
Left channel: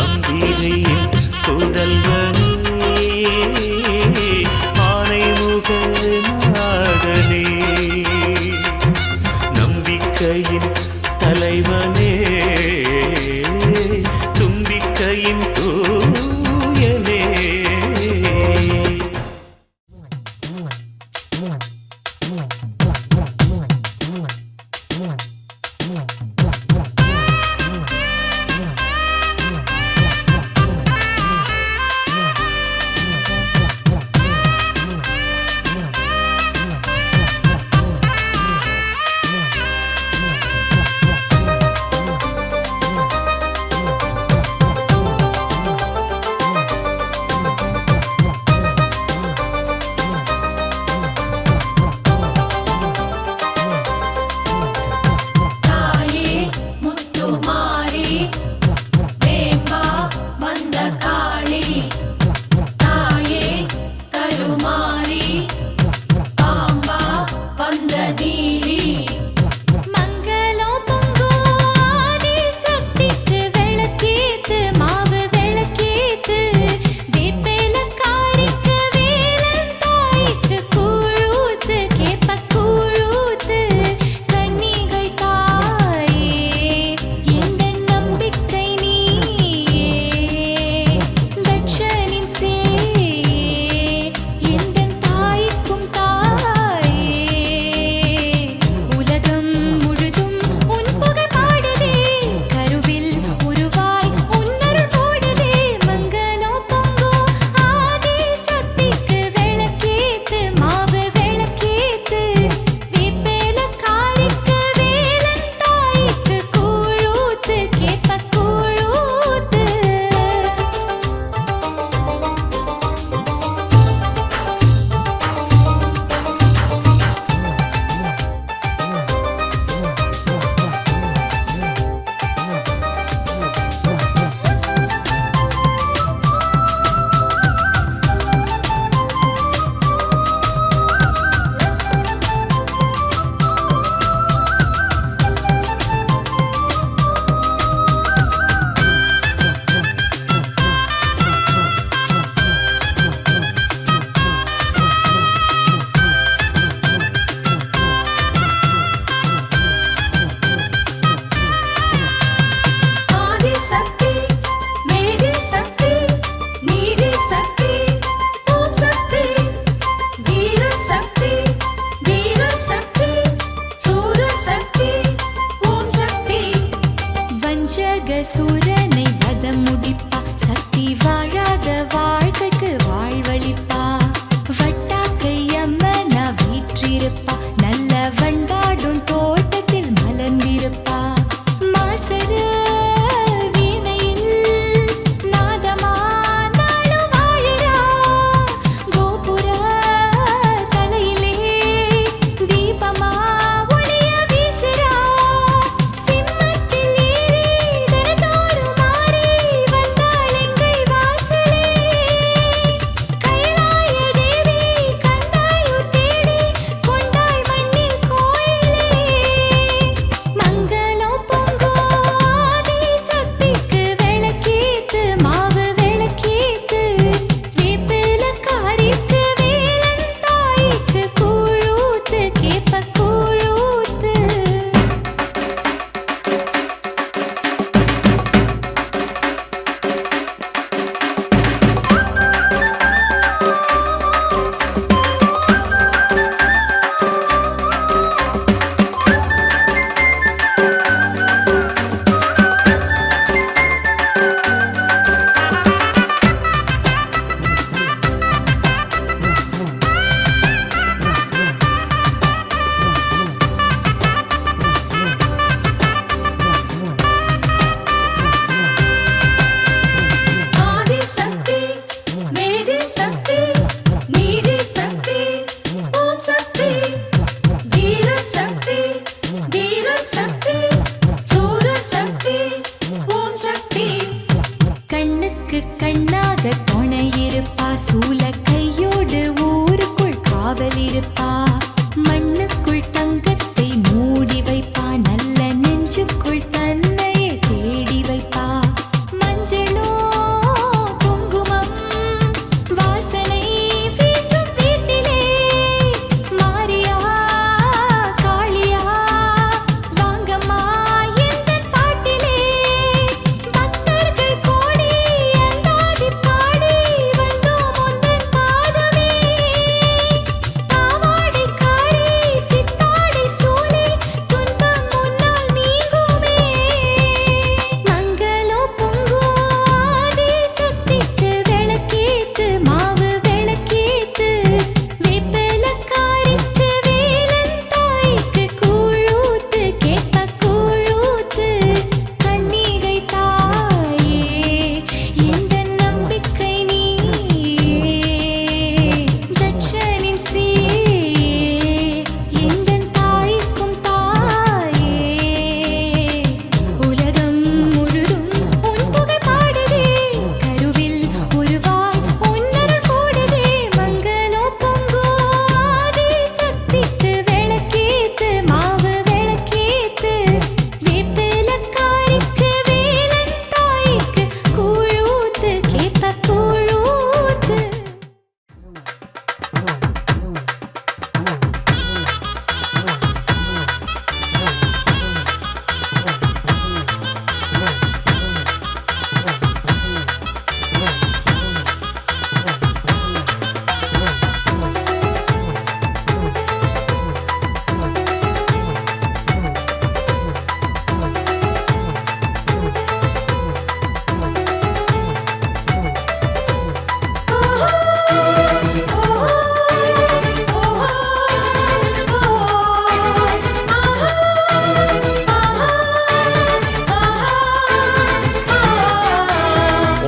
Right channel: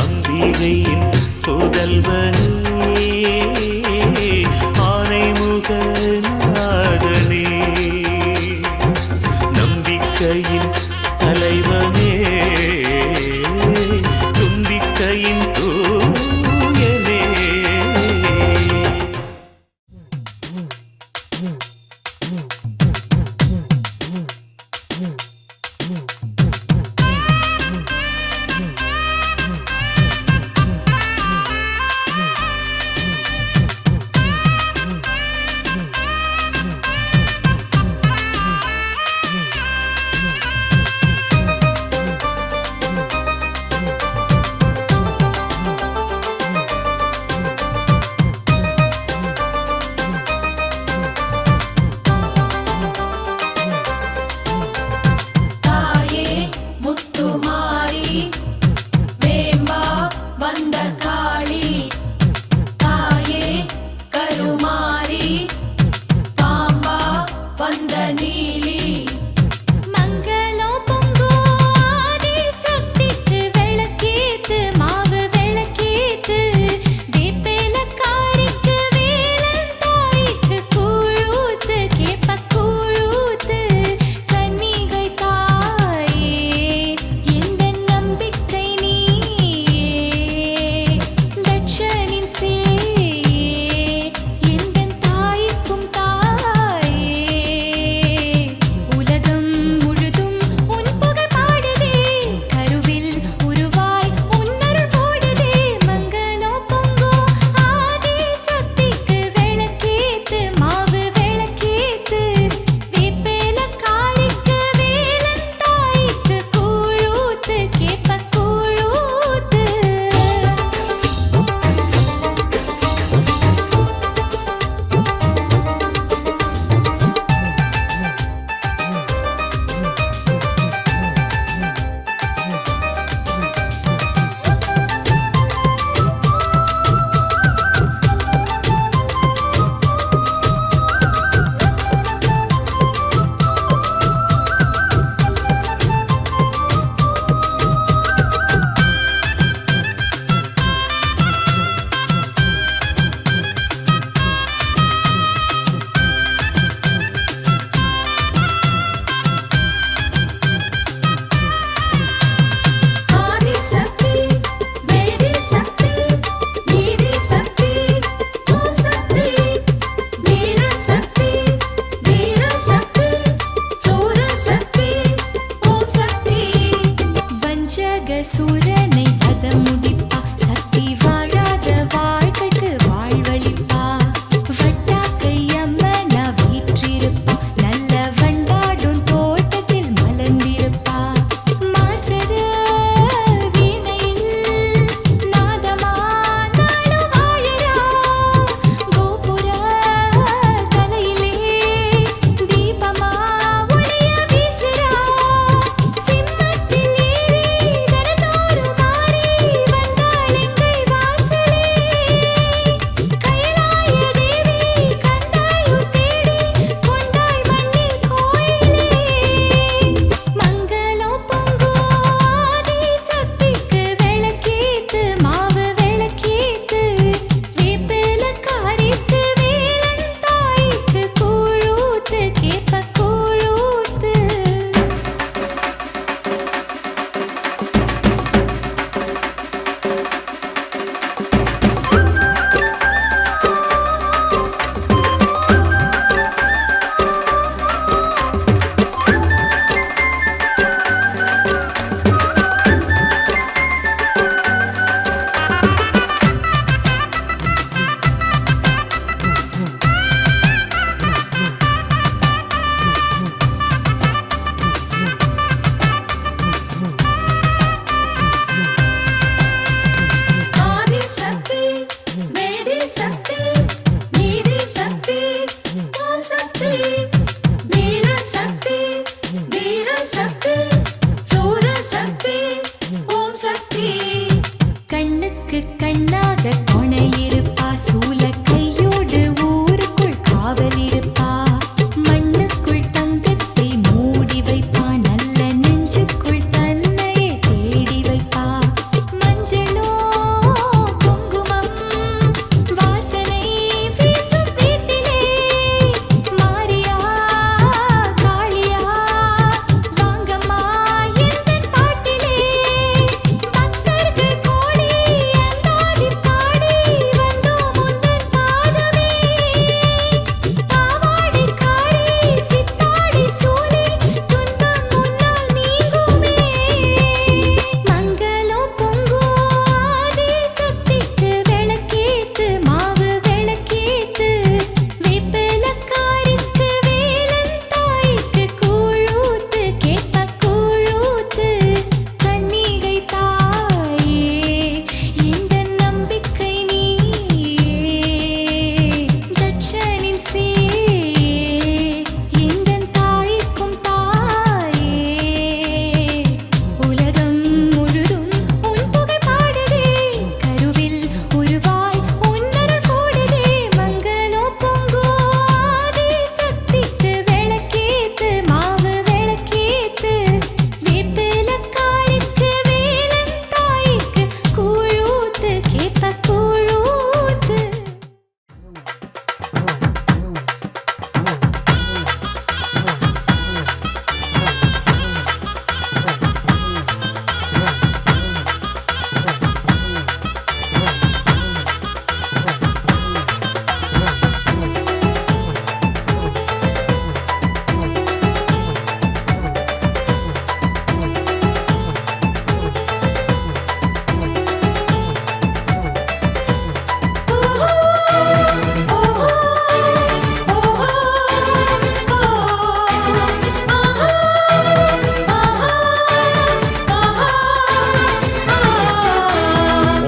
அம்பிகையின் புதல்வனே, ஆனைமுக நாதனே, நம்பிக்கையின் தலைவனே, தும்பிக்கையின் தூயனே. வீற்றிருப்பா நல்ல வண்டாடும் தோட்டத்தில் மலர்ந்திருப்பா மாசர வீணையில் நாதமா நாளும் வாழறா கோபுர தலையிலே தீபமா ஒளிய வீசுறா சிம்மத்தில் ஏறி தினந்தோறும் மாறி வந்தாள் எங்கள் வாசலே கைலாய தேவி கண்டாயூர் தேடி கொண்டாள் மண்ணில் கோயிலே மங்களம் பொங்கும் ஆதி சக்திக்கு விளக்கேத்து மாவு விளக்கேத்து வேப்பிலக்காரிக்கு வேலன் தாய்க்கு கூழூத்து கேப்ப கூழூத்து ஆதி சக்தி மேதி சக்தி நீதி சக்தி ஓம் சக்தி வீர சக்தி வீர சக்தி சூர சக்தி ஓம் சக்தி கண்ணுக்கு கண்ணாக துணை இருப்பா சூல கையோடு ஊருக்குள் காவல் இருப்பா மண்ணுக்குள் தங்கத்தை மூடி வைப்பா நல்ல நெஞ்சுக்குள் தன்னையே தேடி வைப்பா மஞ்சளோ குங்குமம் வாசனை வீசும் வீட்டிலே மாரியா காளியா வாங்கம்மா எந்தன் பாட்டிலே பக்தர்கள் கோடி அந்தாதி பாடி வந்தோம் உந்தன் பாதமே பாவாடைக்காரி சித்தாடை சூலே துன்பம் முன்னால் நீங்குமே மங்களம் பொங்கும் ஆதி சக்திக்கு விளக்கேத்து மாவு விளக்கேத்து வேப்பிலக்காரிக்கு வேலன் தாய்க்கு கூழூத்து கேப்ப கூழூத்து கன்னிகை தாயே இந்த நம்பிக்கை நீயே தட்சனின் சீயே எந்தன் தாய்க்கும் தாயே உலகம் முழுதும் உன் புகழ் பாடுதே கருவில் உருவாய் உன்னருள் கூடுதே மங்களம் பொங்கும் ஆதி சக்திக்கு விளக்கேத்து மாவு விளக்கேத்து வேப்பிலக்காரிக்கு வேலன் தாய்க்கு கூழூத்து கேப்ப கூழூத்து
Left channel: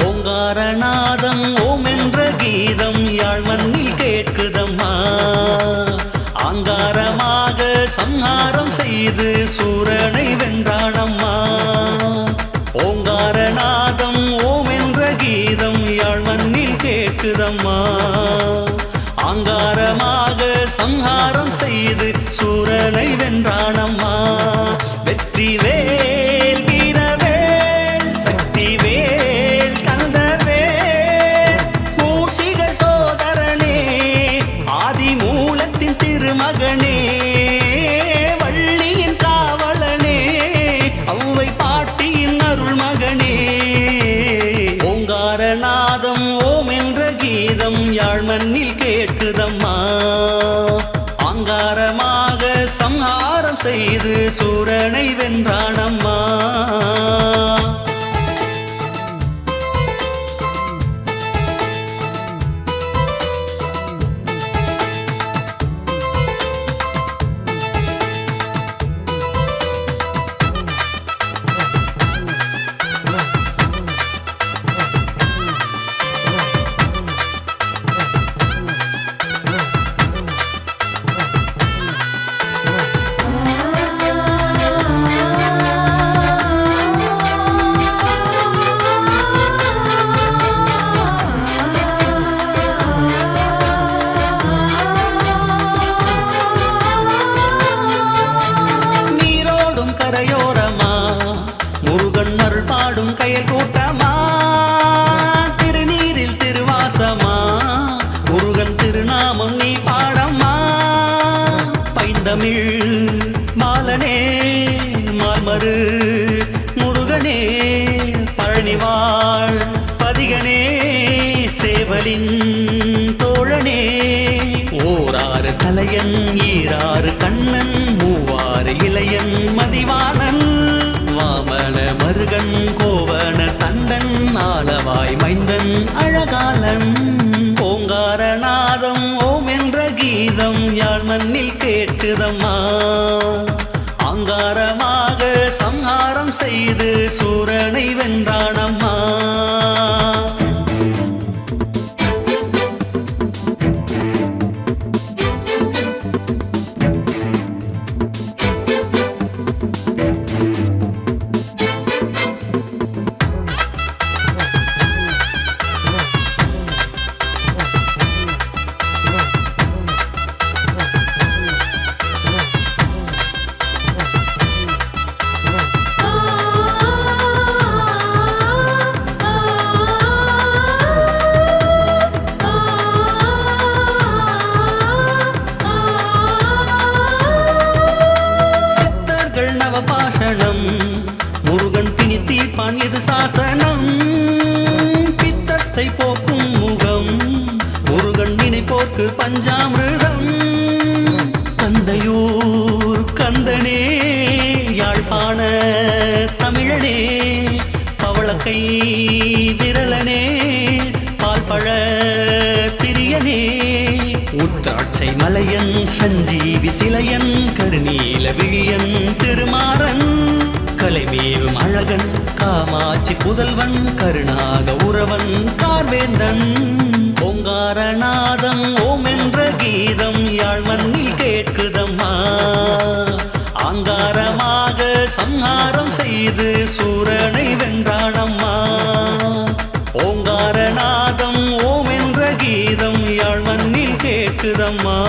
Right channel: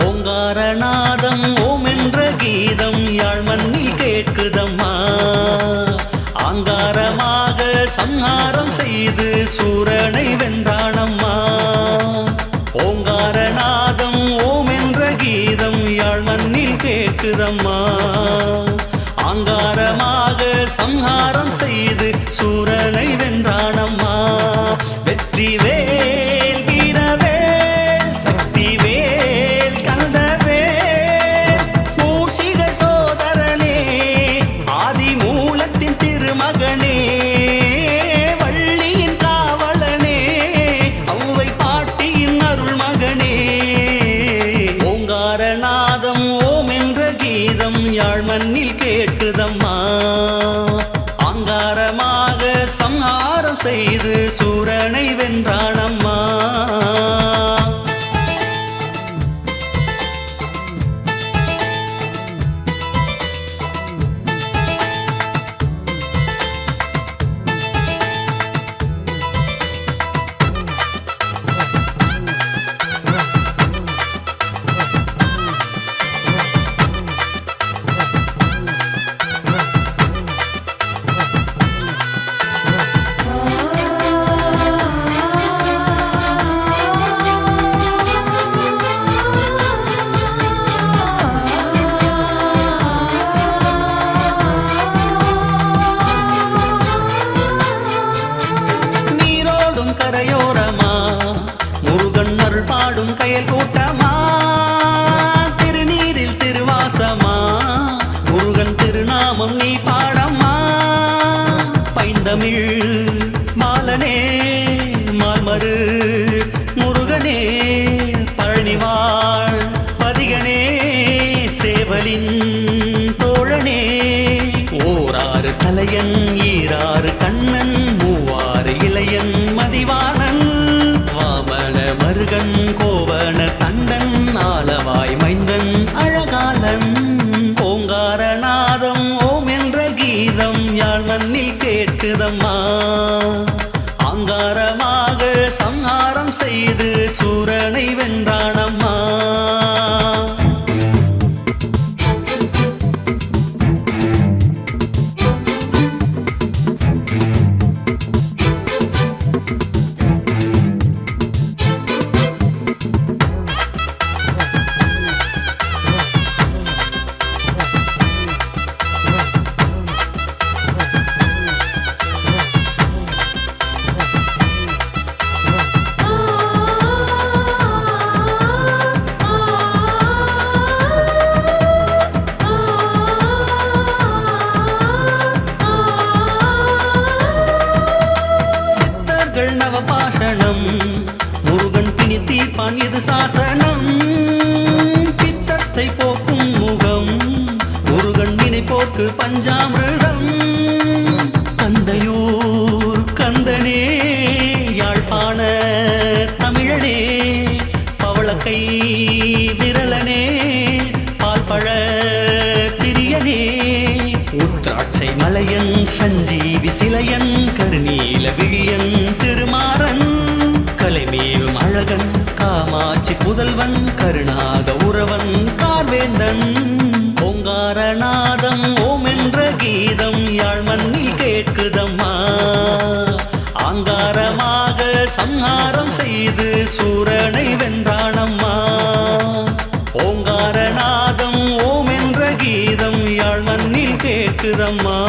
ஓங்காரநாதம் ஓம் என்ற கீதம் யாழ் மண்ணில் கேட்குதம்மா ஆங்காரமாக சம்ஹாரம் செய்து சூரனை வென்றானம்மா ஓங்காரநாதம் ஓம் என்ற கீதம் யாழ் மண்ணில் கேட்குதம்மா ஆங்காரமாக சம்ஹாரம் செய்து சூரனை வென்றானம்மா வெற்றி வேல் வீரவேல் சக்தி வேல் கந்தவேல் மூஷிக சோதரனே ஆதி மூலத்தின் திருமகனே வள்ளியின் காவலனே ஔவை பாட்டியின் அருள் மகனே ஓங்காரநாதம் ஓம் என்ற கீதம் யாழ் மண்ணில் கேட்குதம்மா ஆங்காரமாக சம்ஹாரம் செய்து சூரனை வென்றானம்மா கரையோரமா முருகன் அருள் பாடும் கயல் கூட்டமா திருநீரில் திருவாசமா முருகன் திருநாமம் நீ பாடம்மா பைந்தமிழ் மாலனே மால்மரு முருகனே பழனிவாழ் பதிகனே சேவலின் தோழனே ஓராறு தலையன் ஈராறு கண்ணன் மூவாறு இளையன் மதிவாணன் வாமன மருகன் கோவன தண்டன் ஆளவாய் மைந்தன் அழகாலன் ஓங்காரநாதம் ஓம் என்ற கீதம் யாழ் மண்ணில் கேட்குதம்மா அங்காரமாக சம்ஹாரம் செய்து சூரனை வென்றானம்மா நவபாஷணம் முருகன் பிணி தீர்ப்பான் இது சாசனம் பித்தத்தை போக்கும் முகம் முருகன் நினைப்போர்க்கு பஞ்சாமிர்தம் கந்தையூர் கந்தனே யாழ்ப்பாண தமிழனே பவளக்கை விரலனே பால்பழ பிரியனே உத்ராட்சை மலையன் சஞ்சீவி சிலையன் கருநீல விழியன் திருமாறன் கலைமேவும் அழகன் காமாட்சி புதல்வன் கருணாக உறவன் கார்வேந்தன் ஓங்காரநாதம் ஓம் என்ற கீதம் யாழ் மண்ணில் கேட்குதம்மா ஆங்காரமாக சம்ஹாரம் செய்து சூரனை வென்றானம்மா ஓங்காரநாதம் ஓம் என்ற கீதம் யாழ் மண்ணில் கேட்குதம்மா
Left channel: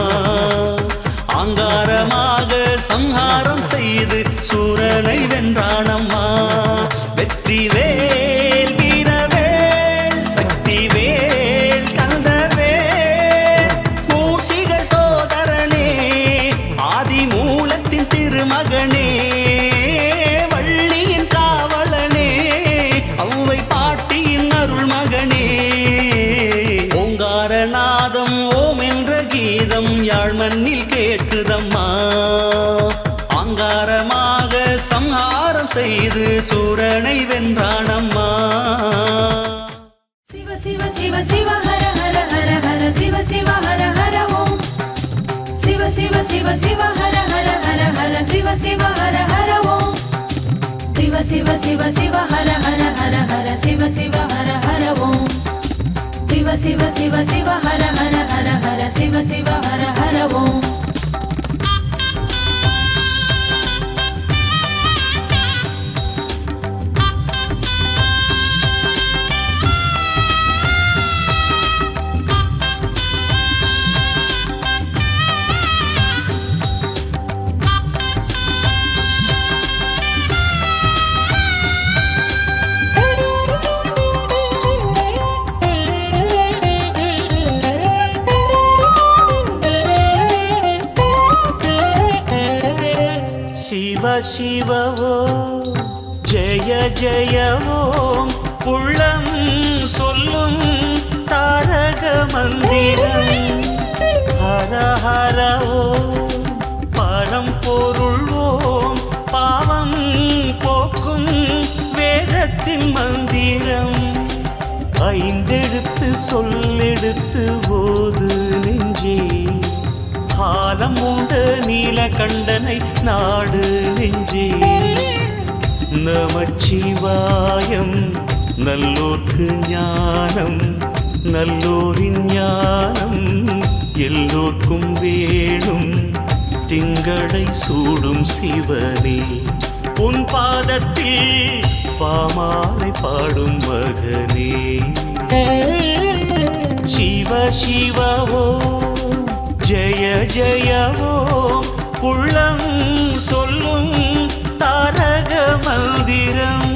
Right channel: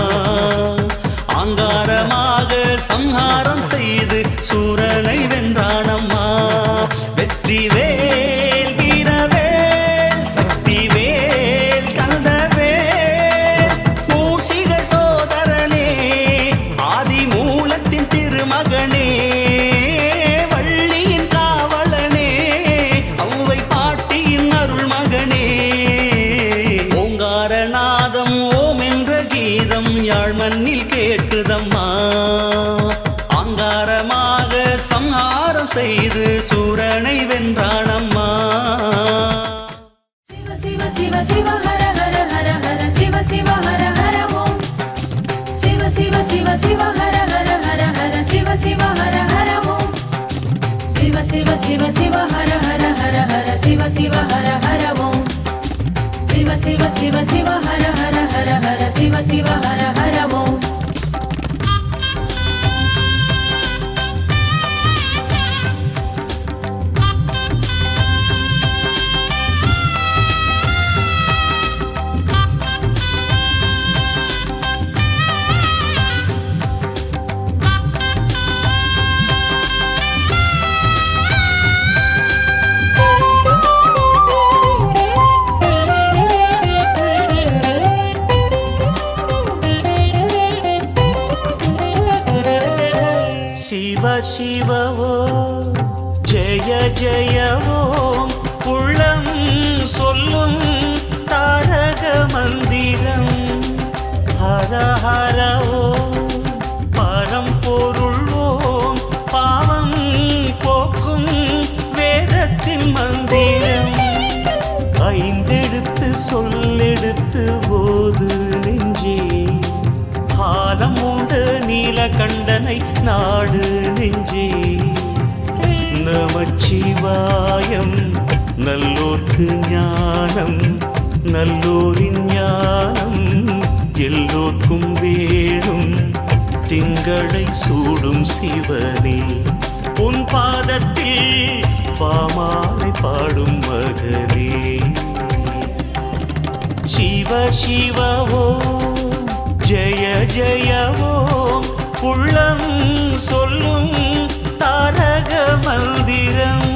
ஆங்காரமாக சம்ஹாரம் செய்து சூரனை வென்றானம்மா வெற்றி வேல் வீரவேல் சக்தி வேல் கந்தவேல் மூஷிக சோதரனே ஆதி மூலத்தின் திருமகனே வள்ளியின் காவலனே அவ்வை பாட்டியின் அருள் மகனே ஓங்காரநாதம் ஓம் என்ற கீதம் யாழ் மண்ணில் கேட்குதம்மா ஆங்காரமாக சம்ஹாரம் செய்து சூரனை வென்றானம்மா சிவ சிவ சிவ சிவ ஹர ஹர ஹர ஹர சிவ சிவ ஹர ஹர ஓம் சிவ சிவ சிவ சிவ ஹர ஹர ஹர ஹர சிவ சிவ ஹர ஹர ஓம் சிவ சிவ சிவ சிவ ஹர ஹர ஹர ஹர சிவ சிவ ஹர ஹர ஓம் சிவ சிவ சிவ சிவ ஹர ஹர ஹர ஹர சிவ சிவ ஹர ஹர ஓம் சிவ சிவ ஓம் ஜெய ஜெய ஓம் உள்ளம் சொல்லும் தாரக மந்திரம் ஹர ஹர ஓம் பரம்பொருள் ஓம் பாவம் போக்கும் வேதத்தின் மந்திரம் ஐந்தெழுத்து சொல்லெடுத்து போது நெஞ்சே காலம் உண்டு நீலகண்டனை நாடு நெஞ்சே நமச்சிவாயம் நல்லோர்க்கு ஞானம் நல்லோரின் ஞானம் எல்லோர்க்கும் வேணும் திங்களை சூடும் சிவனே உன் பாதத்தில் பாமாலை பாடும் மகனே சிவ சிவ ஓம் ஜெய ஜெய ஓம் உள்ளம் சொல்லும் தாரக மந்திரம்.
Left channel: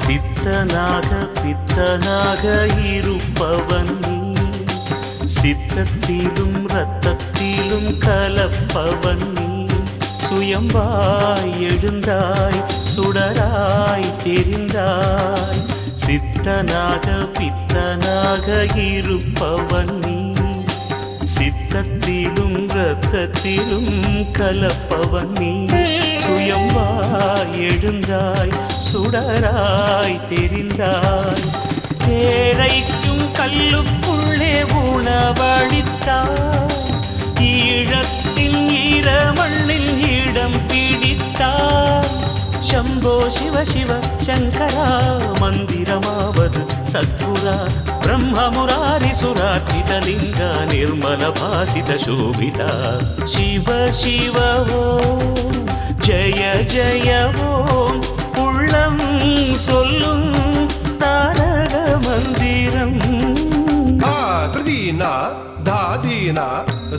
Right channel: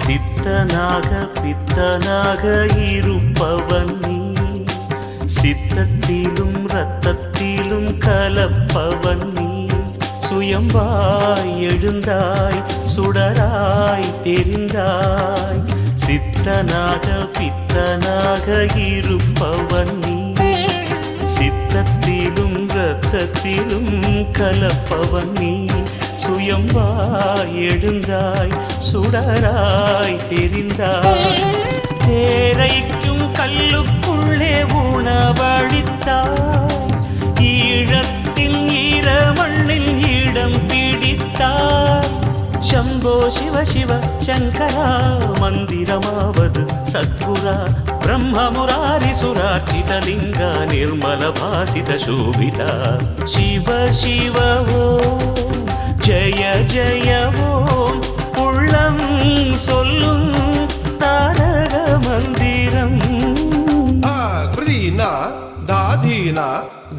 சித்தனாக பித்தனாக இருப்பவன் நீ, சித்தத்திலும் இரத்தத்திலும் கலப்பவன் நீ. சுயம்பாய் எழுந்தாய் சுடராய் தெரிந்தாய். சித்தனாக பித்தனாக இருப்பவன் நீ, சித்தத்திலும் இரத்தத்திலும் கலப்பவன் நீ. சுயம்பாய் எழுந்தாய் சுடராய் தெரிந்தாய். தேரைக்கும் கல்லுக்குள்ளே உணவளித்தாய். ஈழத்தின் ஈரமண்ணில் இடம் பிடித்தாய். शम्भो शिव शिव शङ्करा मन्दिरमावद् सद्गुरा ब्रह्ममुरारिसुरार्चितलिङ्गा निर्मलभासितशोभिता शिव शिव ॐ जय जय ॐ உள்ளம் சொல்லும் தாரக மந்திரம் தாதீனா தாதீனா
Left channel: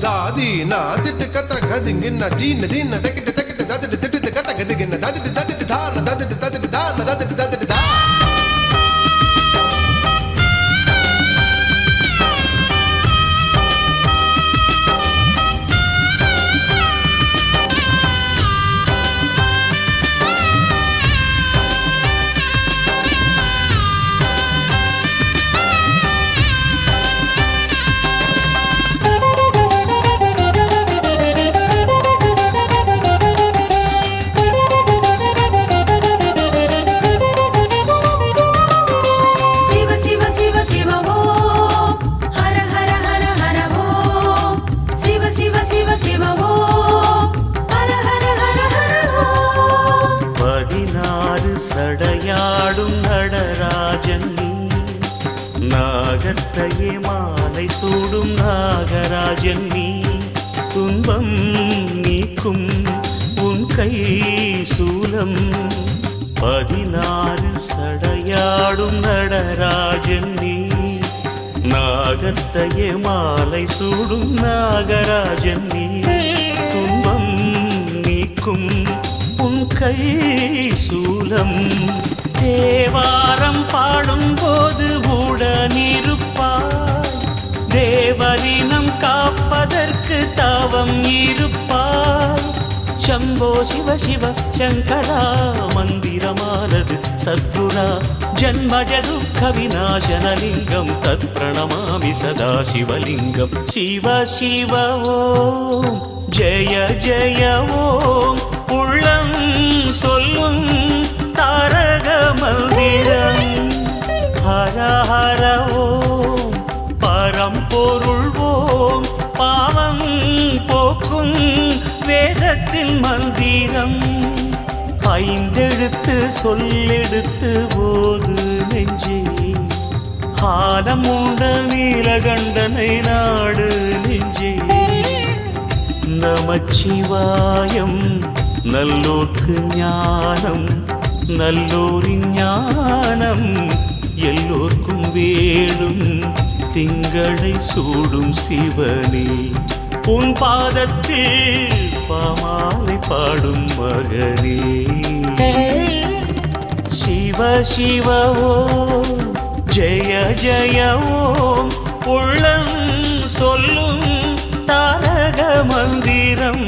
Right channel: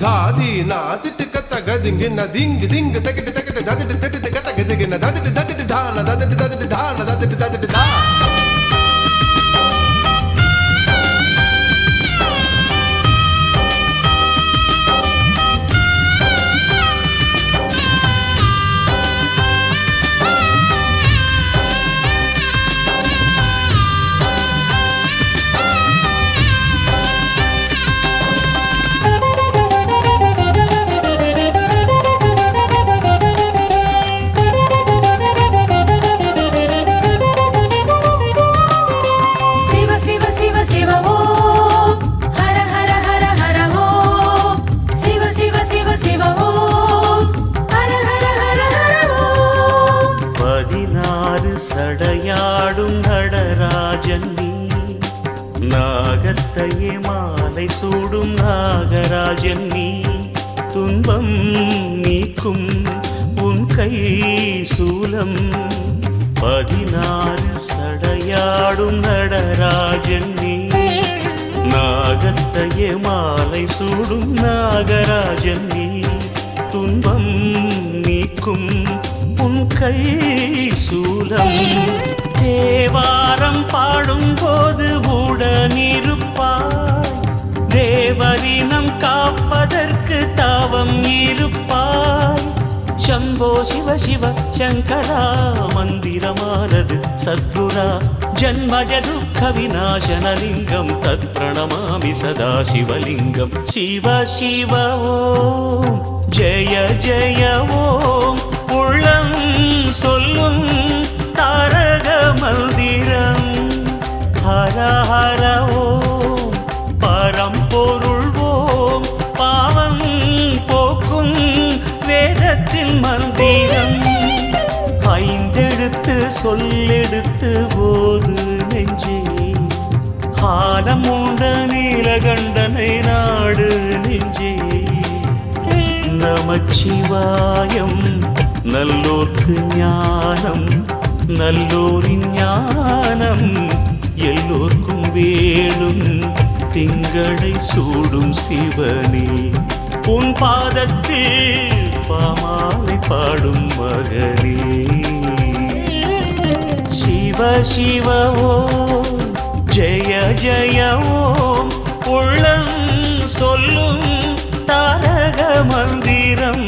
தாதீனா திட்டு கத்த கதிங்க நதீன தீன தக்கிட்டு தக்கிட்டு நதிட்டு திட்டு கத்த கதிங்க நதிட்டு தத்திட்டு தான நதிட்டு தத்திட்டு தான நதிட்டு தத்திட்டு தா சடையாடும் நடராஜன் நீ நாகத்தையே மாலை சூடும் நாகராஜன் நீ துன்பம் நீக்கும் உன் கை சூலம் 16 சடையாடும் நடராஜன் நீ நாகத்தையே மாலை சூடும் நாகராஜன் நீ துன்பம் நீக்கும் உன் கை சூலம் தேவாரம் பாடும்போது உடனிருப்பாய் தேவரினம் காப்பதற்கு தாவம் இருப்பாய் शम्भो शिव शिव शङ्करा मन्दिरमानद् सद्गुरा जन्मज दुःख विनाशनलिङ्गं तत्प्रणमामि सदा शिवलिङ्गं शिव शिव ॐ जय जय ॐ உள்ளம் சொல்லும் தாரக மந்திரம் ஹர ஹர ஓம் பரம்பொருள் ஓம் பாவம் போக்கும் வேதத்தின் மந்திரம் 5 எழுத்து சொல்லெடுத்து போது நெஞ்சே காலம் உண்ட நீலகண்டனை நாடு நெஞ்சே நமச்சிவாயம் நல்லோர்க்கு ஞானம் நல்லோரின் ஞானம் எல்லோர்க்கும் வேணும் திங்களை சூடும் சிவனே உன் பாதத்தில் பாமாலை பாடும் மகனே சிவ சிவ ஓம் ஜெய ஜெய ஓம் உள்ளம் சொல்லும் தாரக மந்திரம்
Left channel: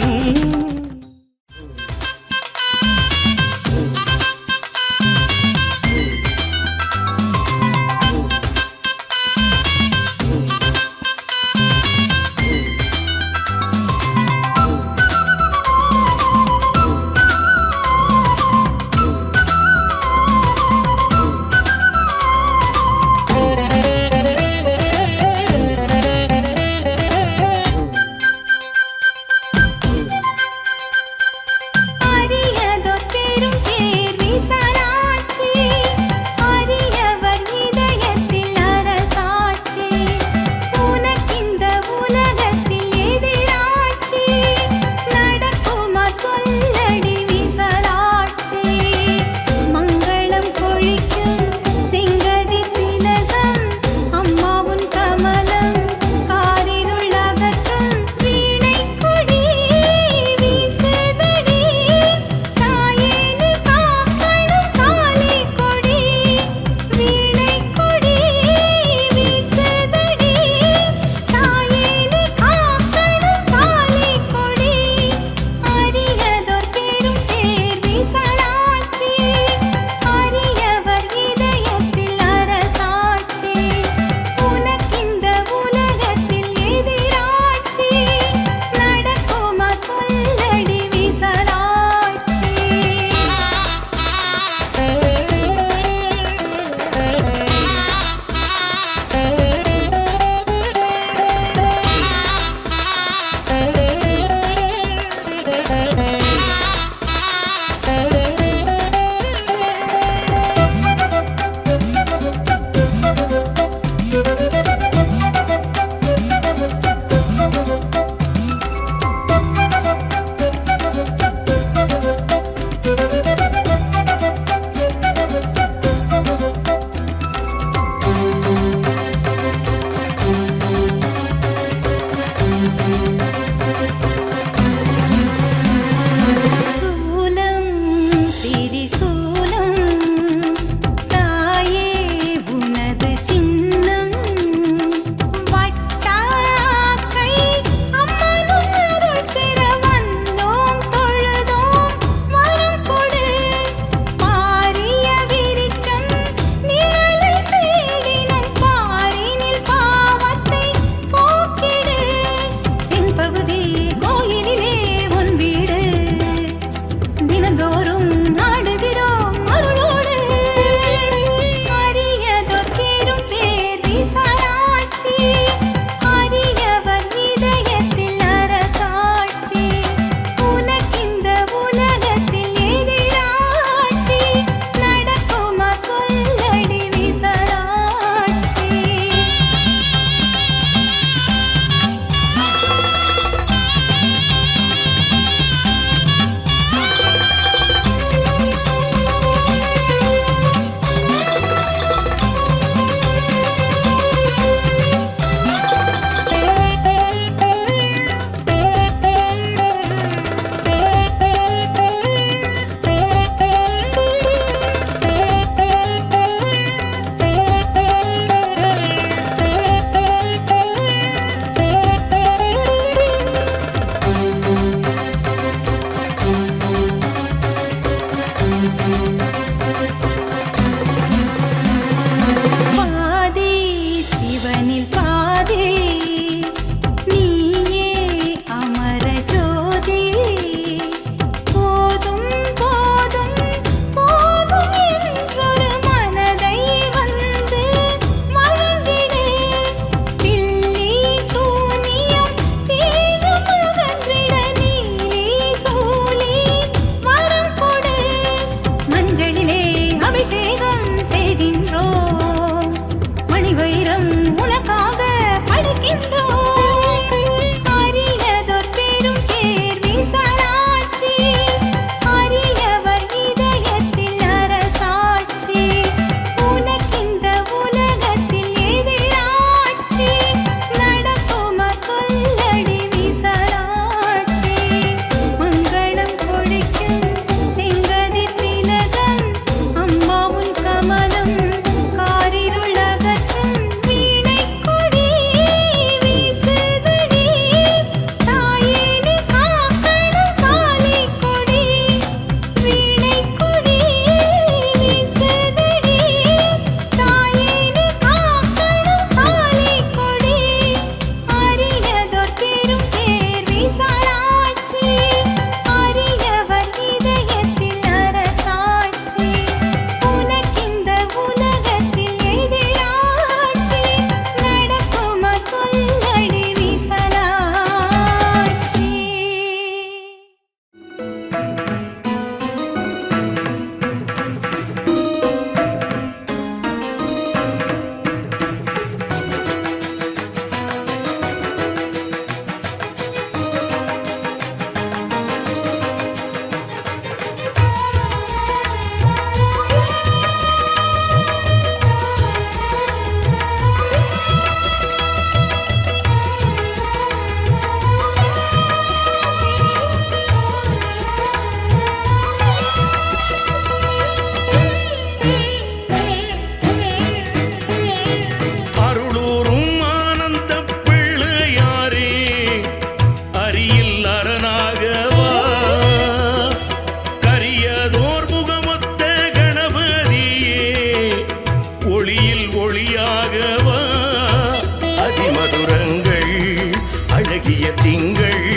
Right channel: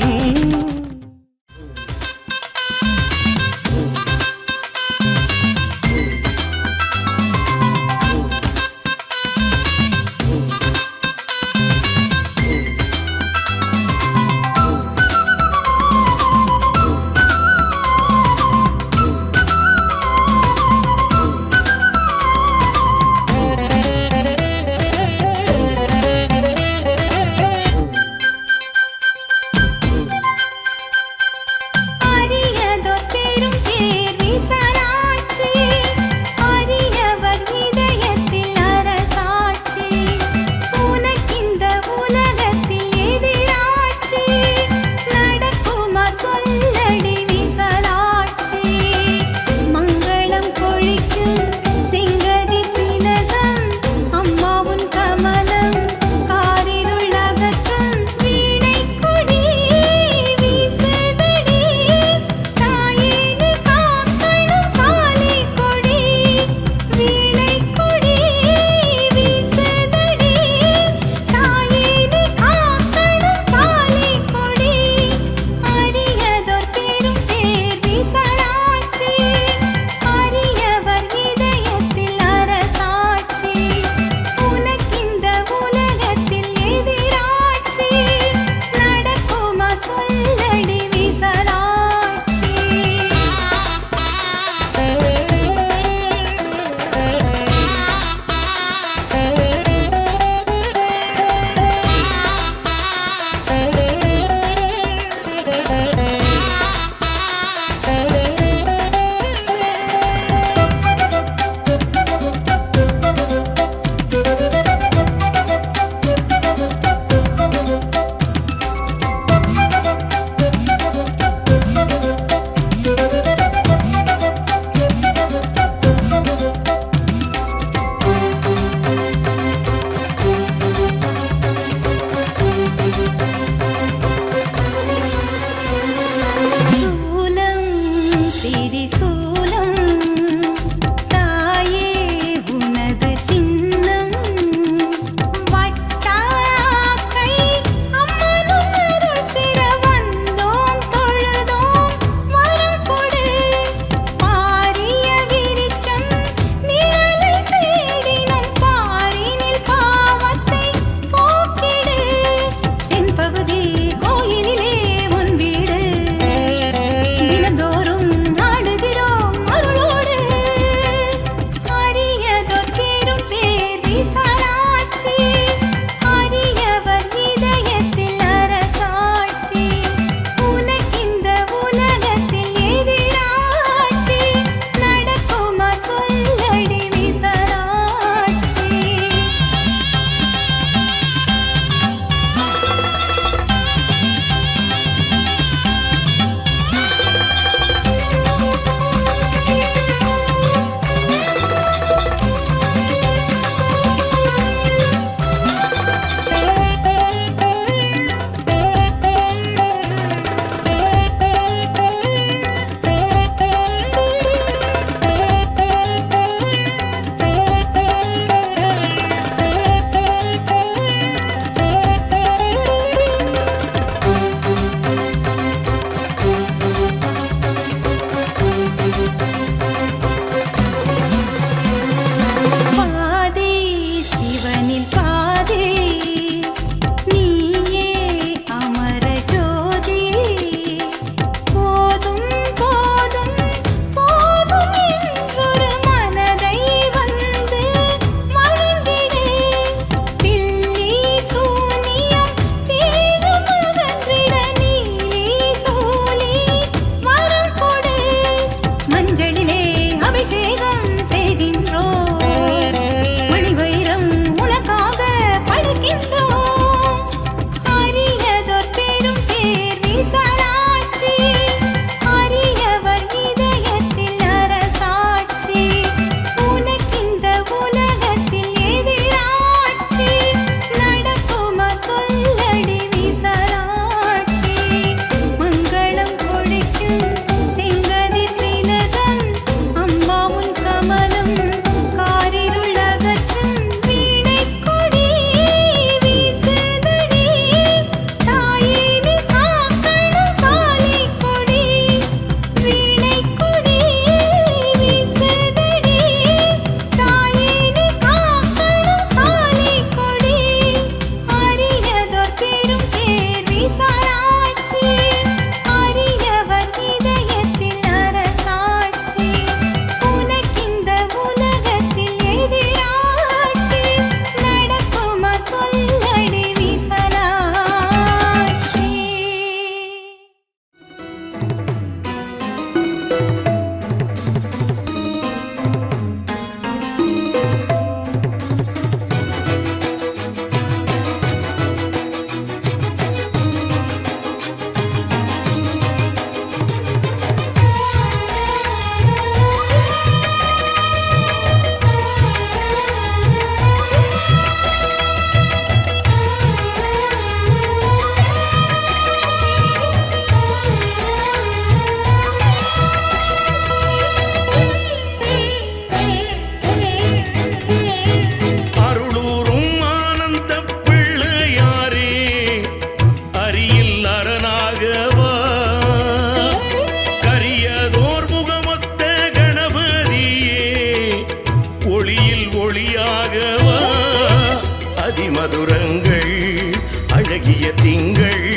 அழகிய திங்கள்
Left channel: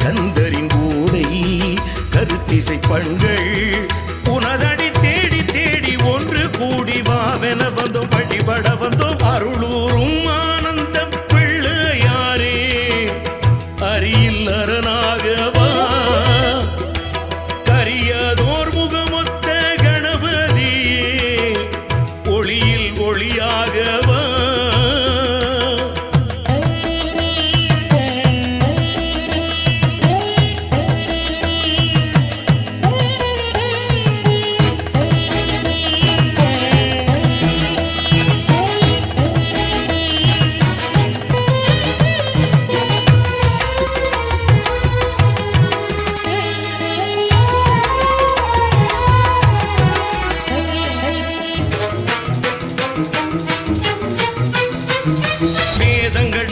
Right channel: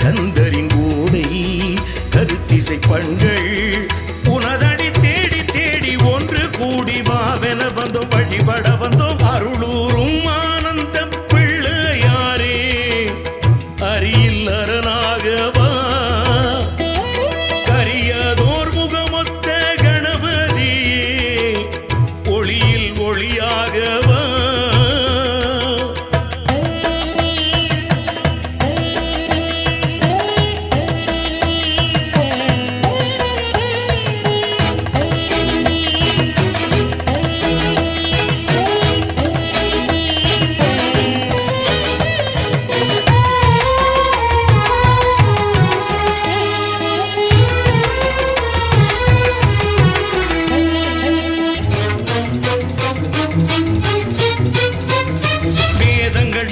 கந்தரின் ஊடை கருத்திசை பண்கள் உனதடி தேடி தேடி ஒன்று கூடி வாவென வந்தோம் வழிபட வந்தோம் அருளூரும் ஆனந்த பிள்ளையாரே அரியில் அரணாகவா கரியதோர் முகமொத்த கணபதியே ஒளியில் ஒளியாகவா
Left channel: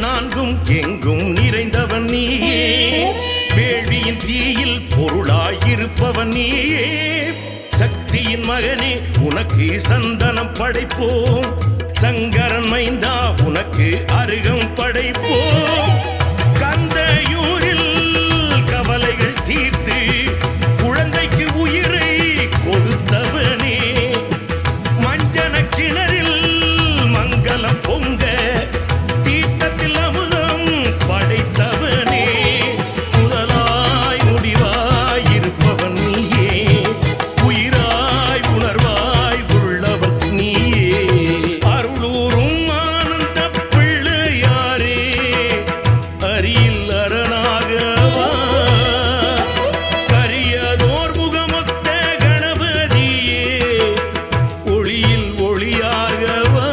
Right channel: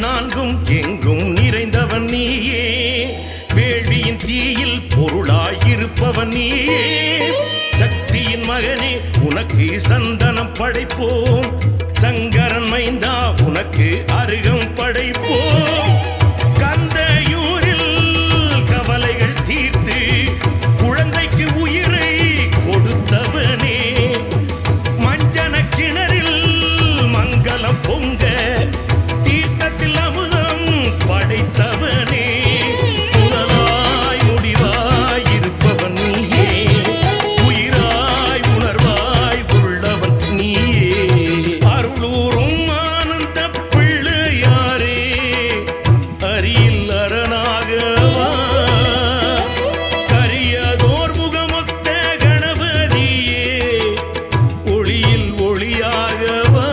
நான்கும் எங்கும் நிறைந்தவன் நீயே வேள்வியின் தீயில் பொருளாயிருப்பவன் நீயே சக்தியின் மகனே உனக்கு சந்தனம் படைப்போம் சங்கரன் மைந்தா உனக்கு அருகம் படைப்போம் கந்தையூரில் கவலைகள் தீர்த்து குழந்தைக்கு உயிரை கொடுத்தவனே மஞ்சன கிணறில் மங்களம் பொங்க தீர்த்தத்தில் அமுதம் படைத்தவனே முதலாய் முடிவாய் இருப்பவன் நீயே உயிராய் உணர்வாய் உள்ளவன் நீயே அருளூரும் ஆனந்த பிள்ளையாரே அரியில் அரணாகவா கரியதோர் முகமொத்த கணபதியே ஒளியில் ஒளியாகவா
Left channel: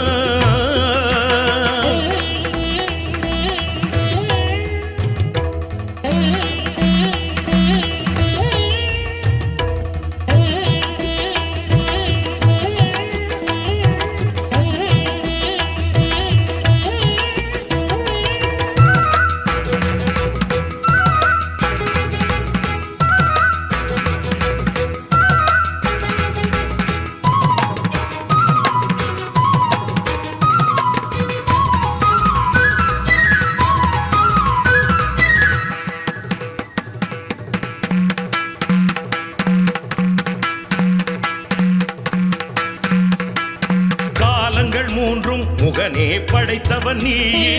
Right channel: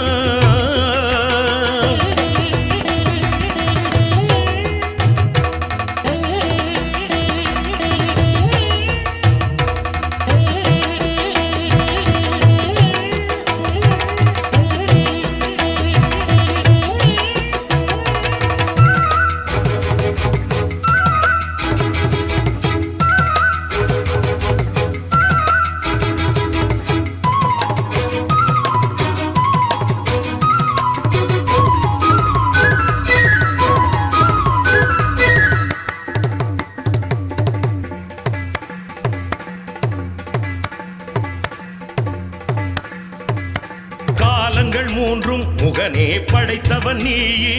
காலங்கள் மூன்றும் முகனே படைத்தவன் நீயே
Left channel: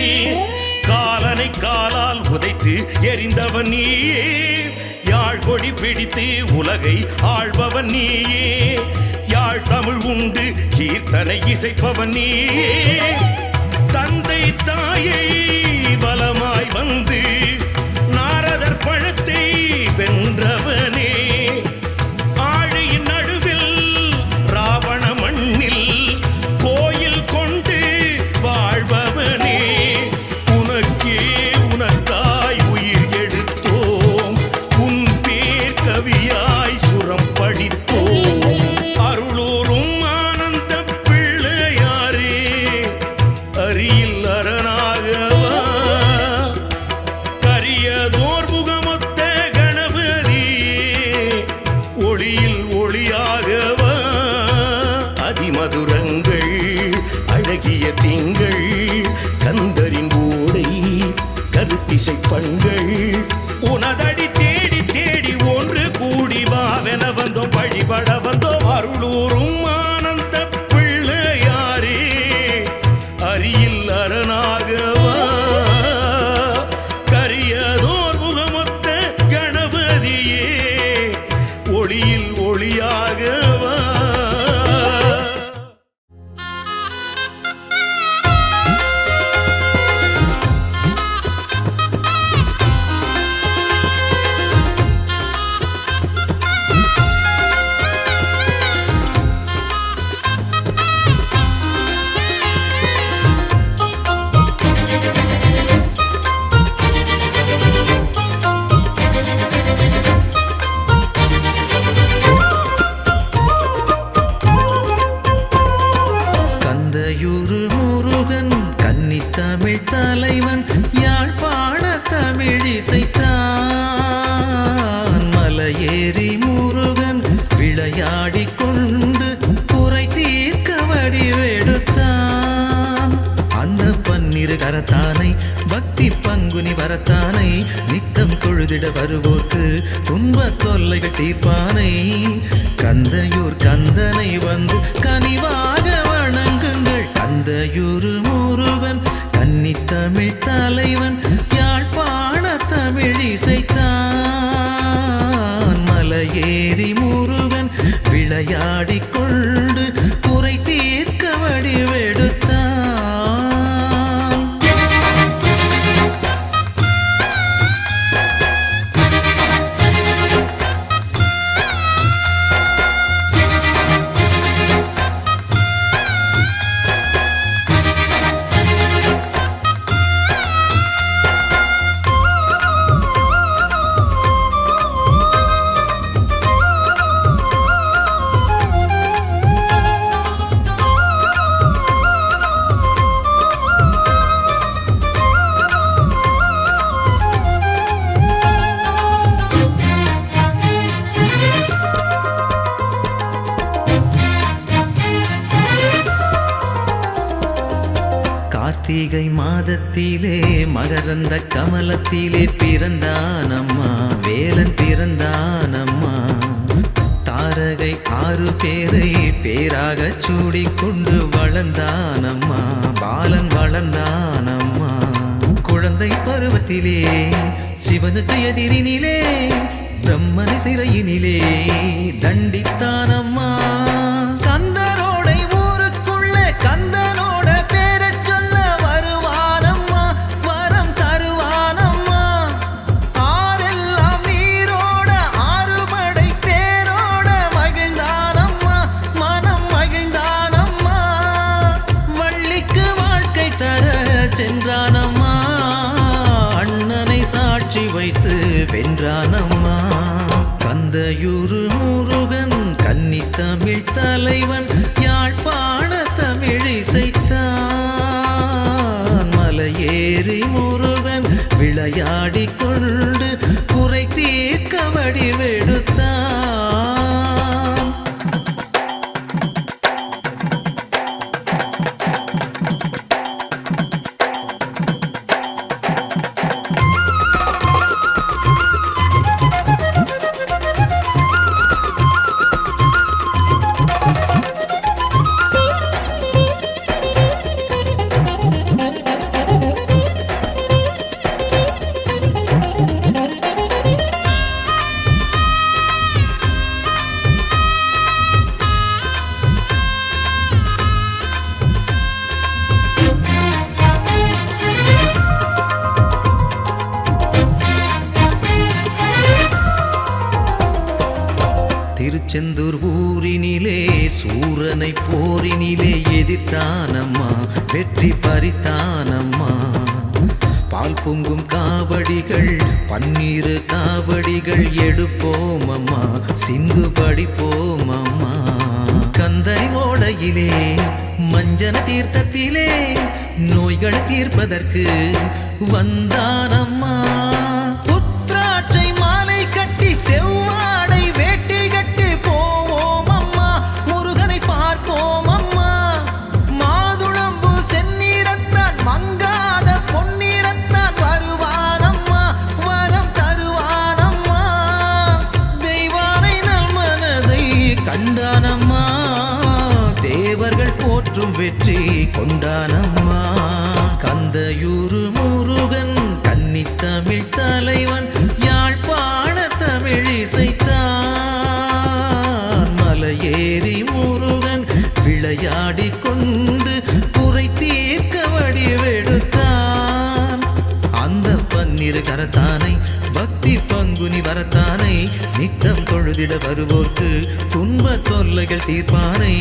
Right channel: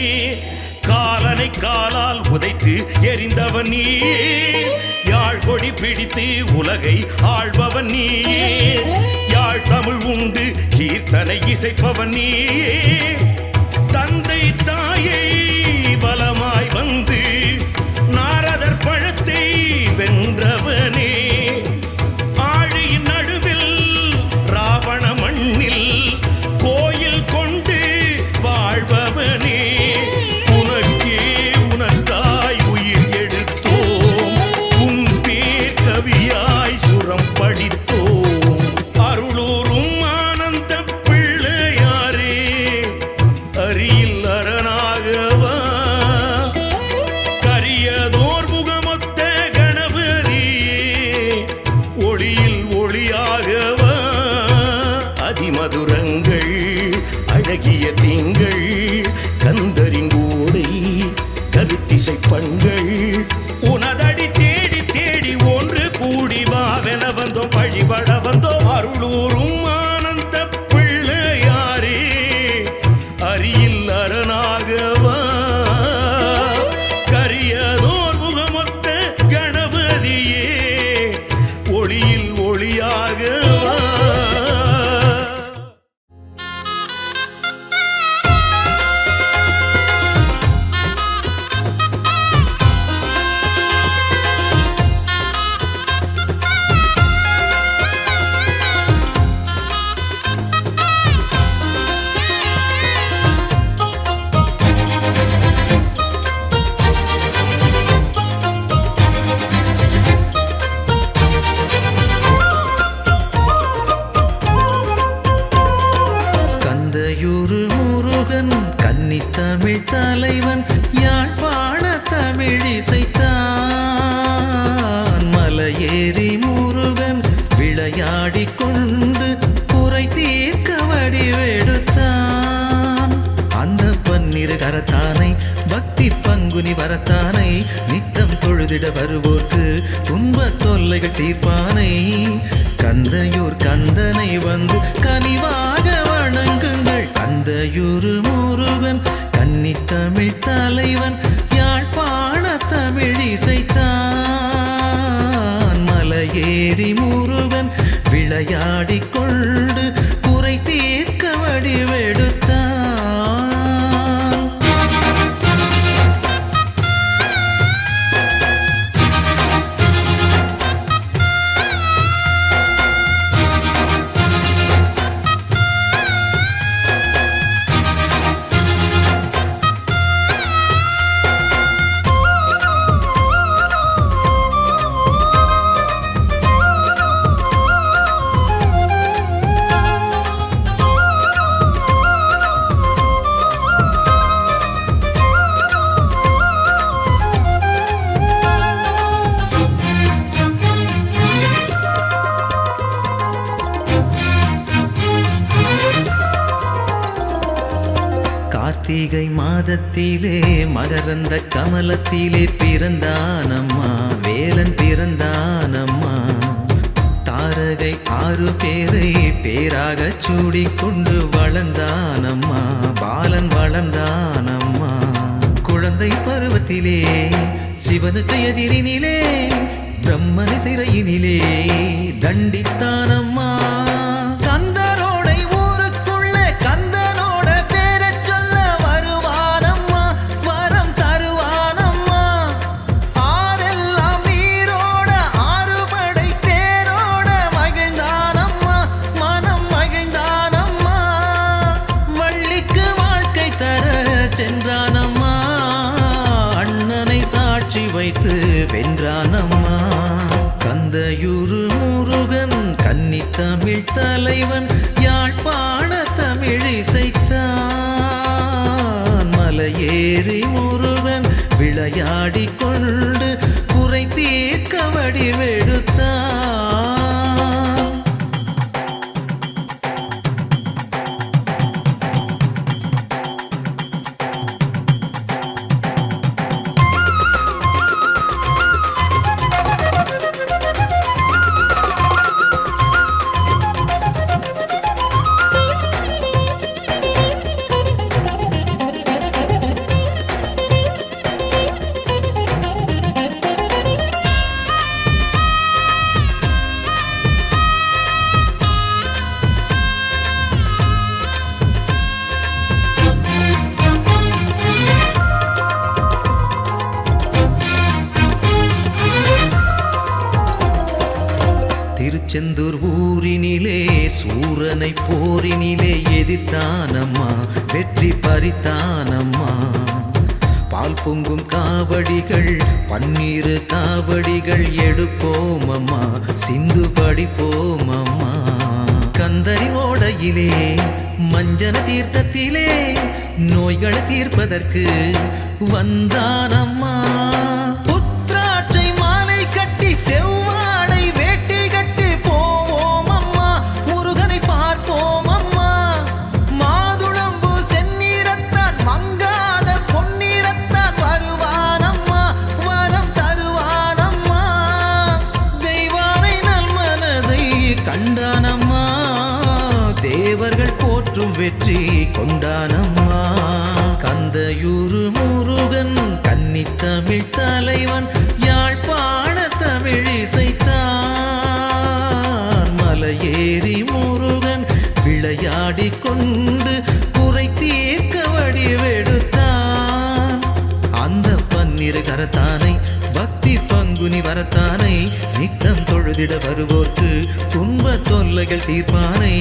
காலனை காலால் உதைத்து எரிந்தவன் நீயே யாழ் கொடி பிடித்து உலகை ஆள்பவன் நீயே யாழ் தமிழ் உண்டு கீர்த்தனை இசைப்பவன் நீயே தந்தை தாயை பலமாய் வந்து நாரதர் பழத்தை வென்றவனே ஆழியின் நடுவில் ராவண மண்ணில் கோயில் கொண்டு வாழ்பவனே உனக்கே உனக்காய் உயிர் எடுத்தோம் உன் பேர் கவியாய் சுரம் படித்தோம் அருளூரும் ஆனந்த பிள்ளையாரே அரியில் அரணாகவா கரியதோர் முகமொத்த கணபதியே ஒளியில் ஒளியாகவா அதிமதுரங்கள் அழகிய திங்கள் கந்தரின் ஊடை கருத்திசை பண்கள் உனதடி தேடி தேடி ஒன்று கூடி வாவென வந்தோம் வழிபட வந்தோம் அருளூரும் ஆனந்த பிள்ளையாரே அரியில் அரணாகவா கரியதோர் முகமொத்த கணபதியே ஒளியில் ஒளியாகவா தமிழ் தலைவன் யாழ்ப்பாண தமிழ் இசைத்தான் மலையேறி முருகன் விளையாடிக் கொண்டு குறை தீர்க்க வடிவெடுத்தான் அந்த பன்னி பன்னிரு கரத்தானை பக்தி பங்குனி வரத்தானை நித்தம் தொழுதிட வருவோர்க்கு துன்ப தொல்லைகள் தீர்ப்பானை கந்தையூர் கந்தனை வந்து கனிவாக வணங்குங்கள் கந்தையூர் முருகன் கன்னித்தமிழ் தலைவன் யாழ்ப்பாண தமிழ் இசைத்தான் மலையேறி முருகன் விளையாடிக் கொண்டு குறை தீர்க்க வடிவெடுத்தான். கார்த்திகை மாதத்திலே மகரந்த கமலத்திலே பிறந்தானம்மா வேலன் பிறந்தானம்மா தாரகை 6 பேரை பேராக சூடிக்கொண்டு வளர்ந்தானம்மா பாலன் வளர்ந்தானம்மா குழந்தை பருவத்திலே சிவனுக்கு எதிரினிலே பிரம்மனை சிறையினிலே தண்டித்தானம்மா கந்தரோடை ஊருக்குள்ள கந்தனோட பேரச் சொல்ல வருவானம்மா வரம் தருவானம்மா ஆரெல்லாம் நீரோட 6 படை தேரோட மகிழ்ந்தானம்மா மனம் மகிழ்ந்தானம்மா வள்ளிக்கு வாழ்க்கை தர சென்றானம்மா அண்ணனை சாட்சி வைத்து வென்றானம்மா கந்தையூர் முருகன் கன்னித்தமிழ் தலைவன் யாழ்ப்பாண தமிழ் இசைத்தான் மலையேறி முருகன் விளையாடிக் கொண்டு குறை தீர்க்க வடிவெடுத்தான். திருச்செந்தூர் ஊரினிலே சூரனை போரினிலே எதிர்த்தானம்மா வெற்றி பறித்தானம்மா பால் பொங்கும் காவடிகள் 12 காவடிகள் எடுப்போமம்மா சிந்து படிப்போமம்மா கந்தரி ஓடையிலே மஞ்சன தீர்த்தத்திலே நோய்களை தீர்ப்பதற்கு வந்தானம்மா புத்ராட்சை மாலை கட்டி செவ்வாடை வேட்டி கட்டி போவோம் அம்மா முருகனை பார்ப்போம் அம்மா மாதுளம்பு செந்நீரத்தான் மங்காத பொன்னீரத்தான் வருவானம்மா வரம் தருவானம்மா தெய்வானை நல்மனதை கண்டானம்மா தேவர்கள் போற்றும் வெற்றி கொண்டானம்மா கந்தையூர் முருகன் கன்னித்தமிழ் தலைவன் யாழ்ப்பாண தமிழ் இசைத்தான் மலையேறி முருகன் விளையாடிக் கொண்டு குறை தீர்க்க வடிவெடுத்தான் அந்த 12 கரத்தானை பக்தி பங்குனி வரத்தானை நித்தம் தொழுதிட வருவோர்க்கு துன்ப தொல்லைகள் தீர்ப்பானை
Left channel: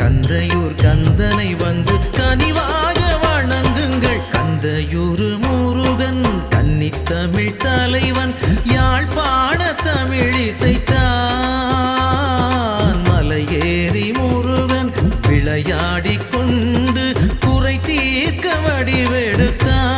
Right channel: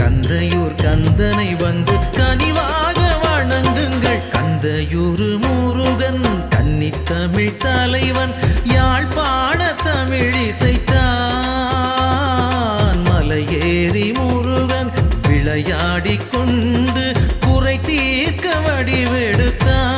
கந்தையூர் கந்தனை வந்து கனிவாக வணங்குங்கள் கந்தையூர் முருகன் கன்னித்தமிழ் தலைவன் யாழ்ப்பாண தமிழ் இசைத்தான் மலையேறி முருகன் விளையாடிக் கொண்டு குறை தீர்க்க வடிவெடுத்தான்.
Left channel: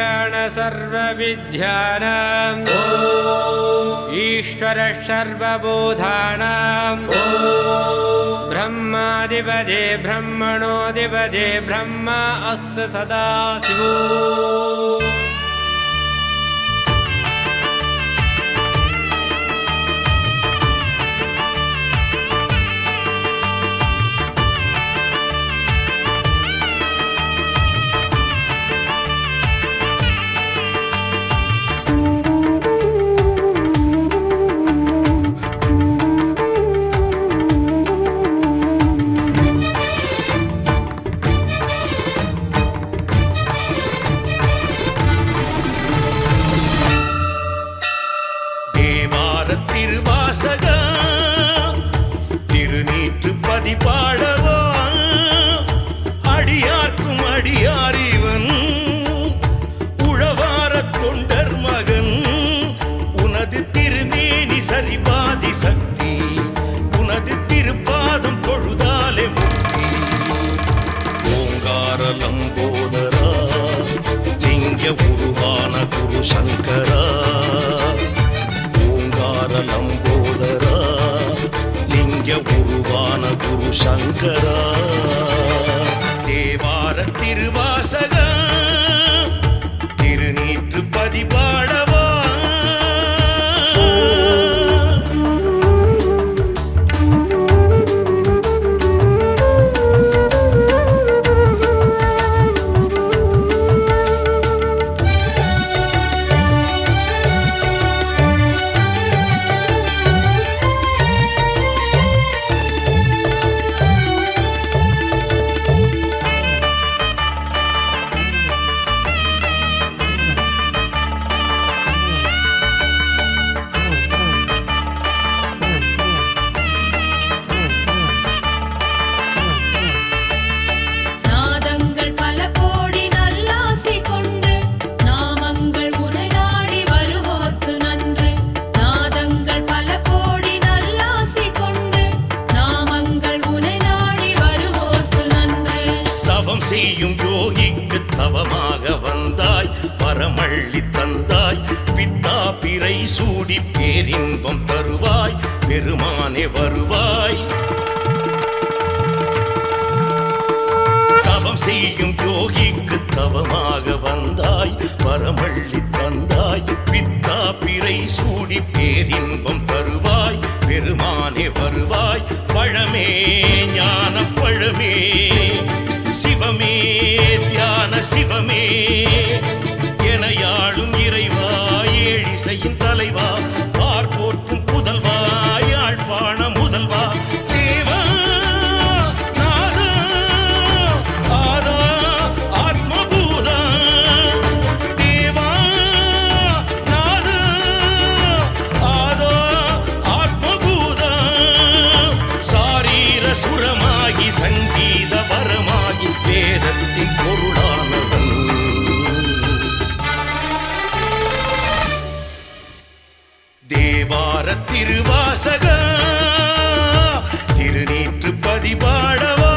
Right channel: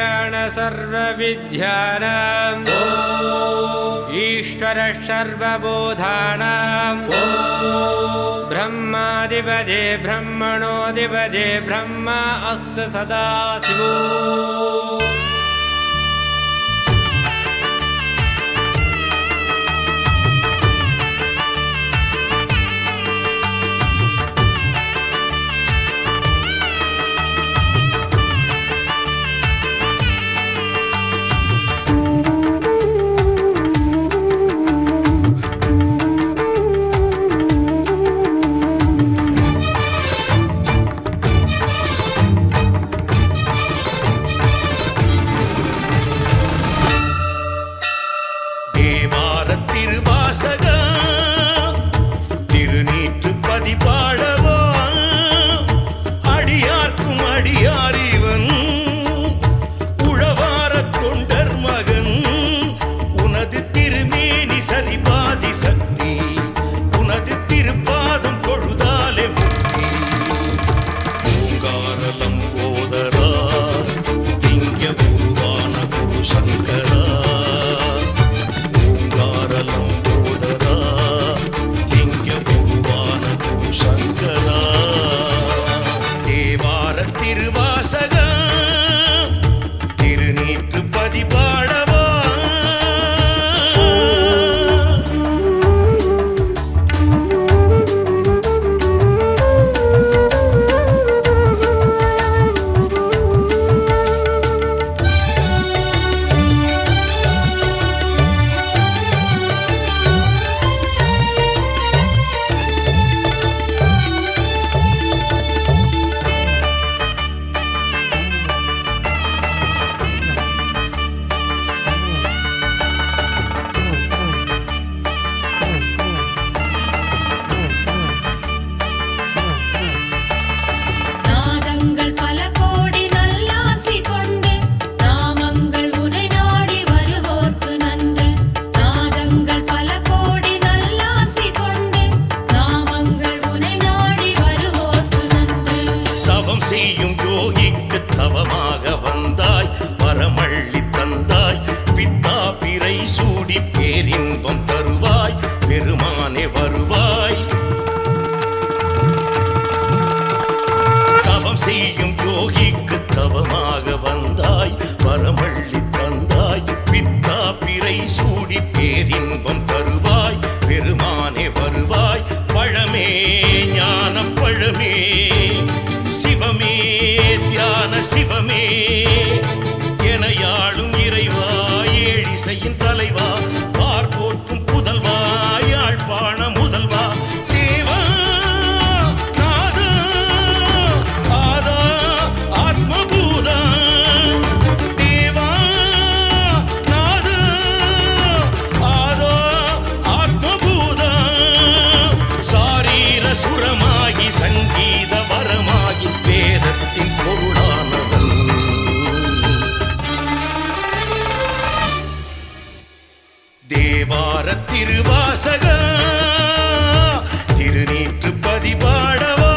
ईशान सर्वविद्यानां ईश्वर सर्वबोधानां ब्रह्माधिपते ब्रह्मणोऽधिपते ब्रह्मा अस्तु सदा शिवो। பாடவா அடியார்க்கும் அடியாரிவன் உழவார தொண்டர் மகன் உனது திருமேனி சரிபாதி சக்தி உனது திருப்பாதம் தொழுதாலே முக்தி ஓங்காரலம் போதரா லிங்க உருவான குரு சங்கரா ஓங்காரலம் போதரா லிங்க உருவான குரு சங்கரா தேவார திருவாசக திருநீற்று பதிபாடவா நாதங்கள் பல கோடி நல்லாசி கொண்டு நாமங்கள் உனை நாடி வருவோர்க்கு நன்று நாதங்கள் பல கோடி நல்லாசி கொண்டு நாமங்கள் உனை நாடி வருவோர்க்கு நன்று தவம் செய்யும் யோகிக்கு தவமாக வந்தாய் பரமள்ளி தந்தாய் பித்தா பிறை சூடி பேரின்பம் தருவாய் பெருமானே வருவாய் தவம் செய்யும் யோகிக்கு தவமாக வந்தாய் பரமள்ளி தந்தாய் பித்தா பிறை சூடி பேரின்பம் தருவாய் பெருமானே வருவாய் பழமே ஞான பழமே சிவமே தியான சிவமே எனையாளும் இறைவா ஏழிசையின் தலைவா பார்ப்போற்றும் புதல்வா யாழ்ப்பாண முதல்வா தேவா நாதா ஆதா ஆத்மபூதா தேவா நாதா ஆதா ஆத்மபூதா சாரீர சுரமாகி சங்கீத வரமாகி வேதத்தின் பொருளானவன் தேவார திருவாசக திருநீற்று பதிபாடவா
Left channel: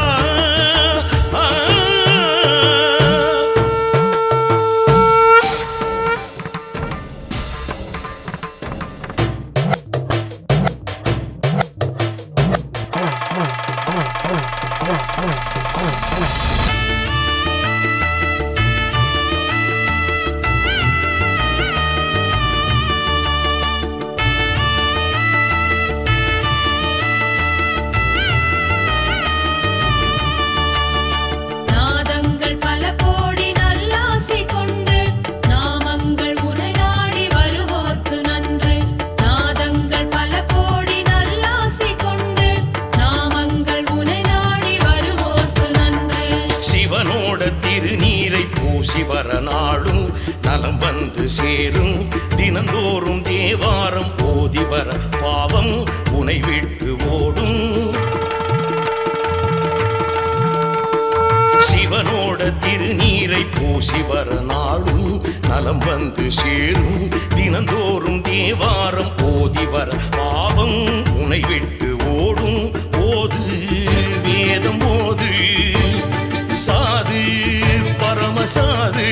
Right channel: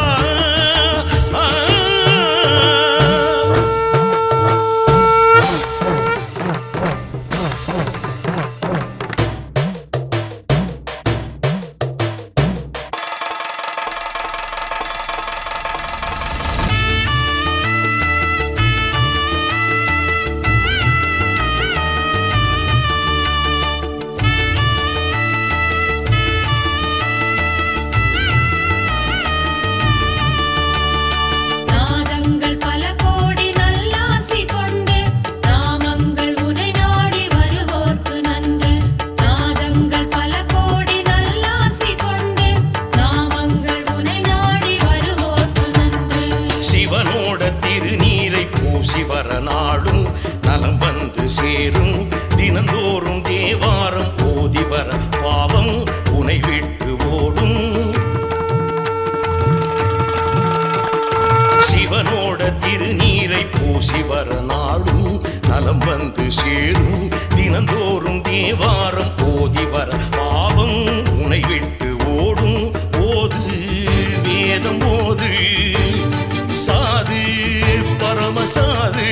நாதங்கள் பல கோடி நல்லாசி கொண்டு நாமங்கள் உனை நாடி வருவோர்க்கு நன்று நாதங்கள் பல கோடி நல்லாசி கொண்டு நாமங்கள் உனை நாடி வருவோர்க்கு நன்று சிவனோட திருநீரை பூசி வர நாளும் நலம் வந்து சேரும் தினந்தோறும் தேவாரம் ஓதி வர பாவம் உனை விட்டு ஓடும் சிவனோட திருநீரை பூசி வர நாளும் நலம் வந்து சேரும் தினந்தோறும் தேவாரம் ஓதி வர பாவம் உனை விட்டு ஓடும் ஓது வேதம் ஓது சாது பரமசாது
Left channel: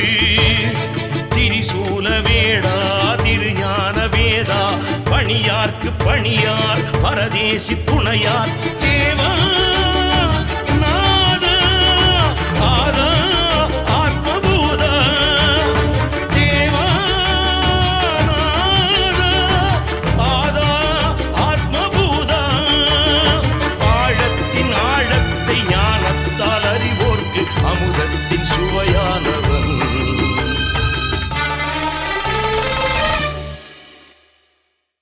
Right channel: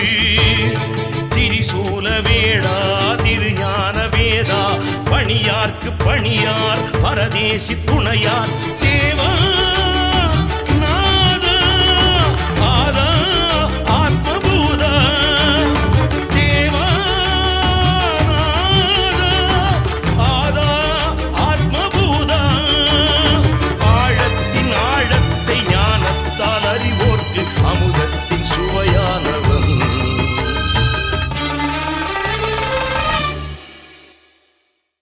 அணியார்க்கு பணியார் பரதேசி துணையார் தேவா நாதா ஆதா ஆத்மபூதா தேவா நாதா ஆதா ஆத்மபூதா ஆழத்தின் ஆழத்தை ஞானத்தால் அறிவோர்க்கு அமுதத்தின் சுவையானவன்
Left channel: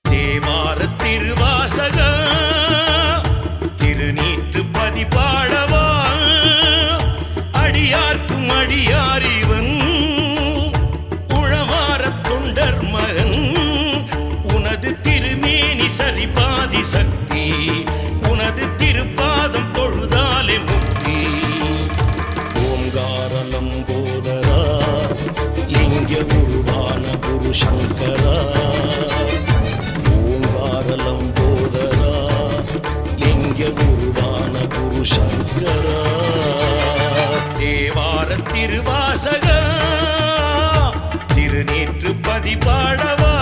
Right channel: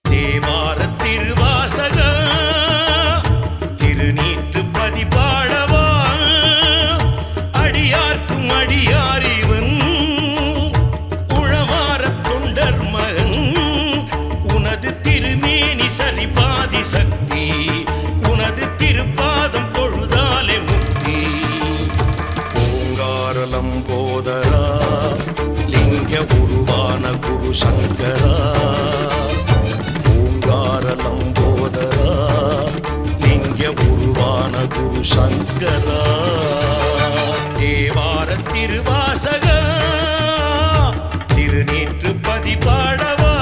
தேவார திருவாசக திருநீற்று பதிபாடவா அடியார்க்கும் அடியாரிவன் உழவார தொண்டர் மகன் உனது திருமேனி சரிபாதி சக்தி உனது திருப்பாதம் தொழுதாலே முக்தி ஓங்கார நம்போதரா லிங்க குருவான குரு சங்கரா சங்கரா தேவார திருவாசக திருநீற்று பதிபாடவா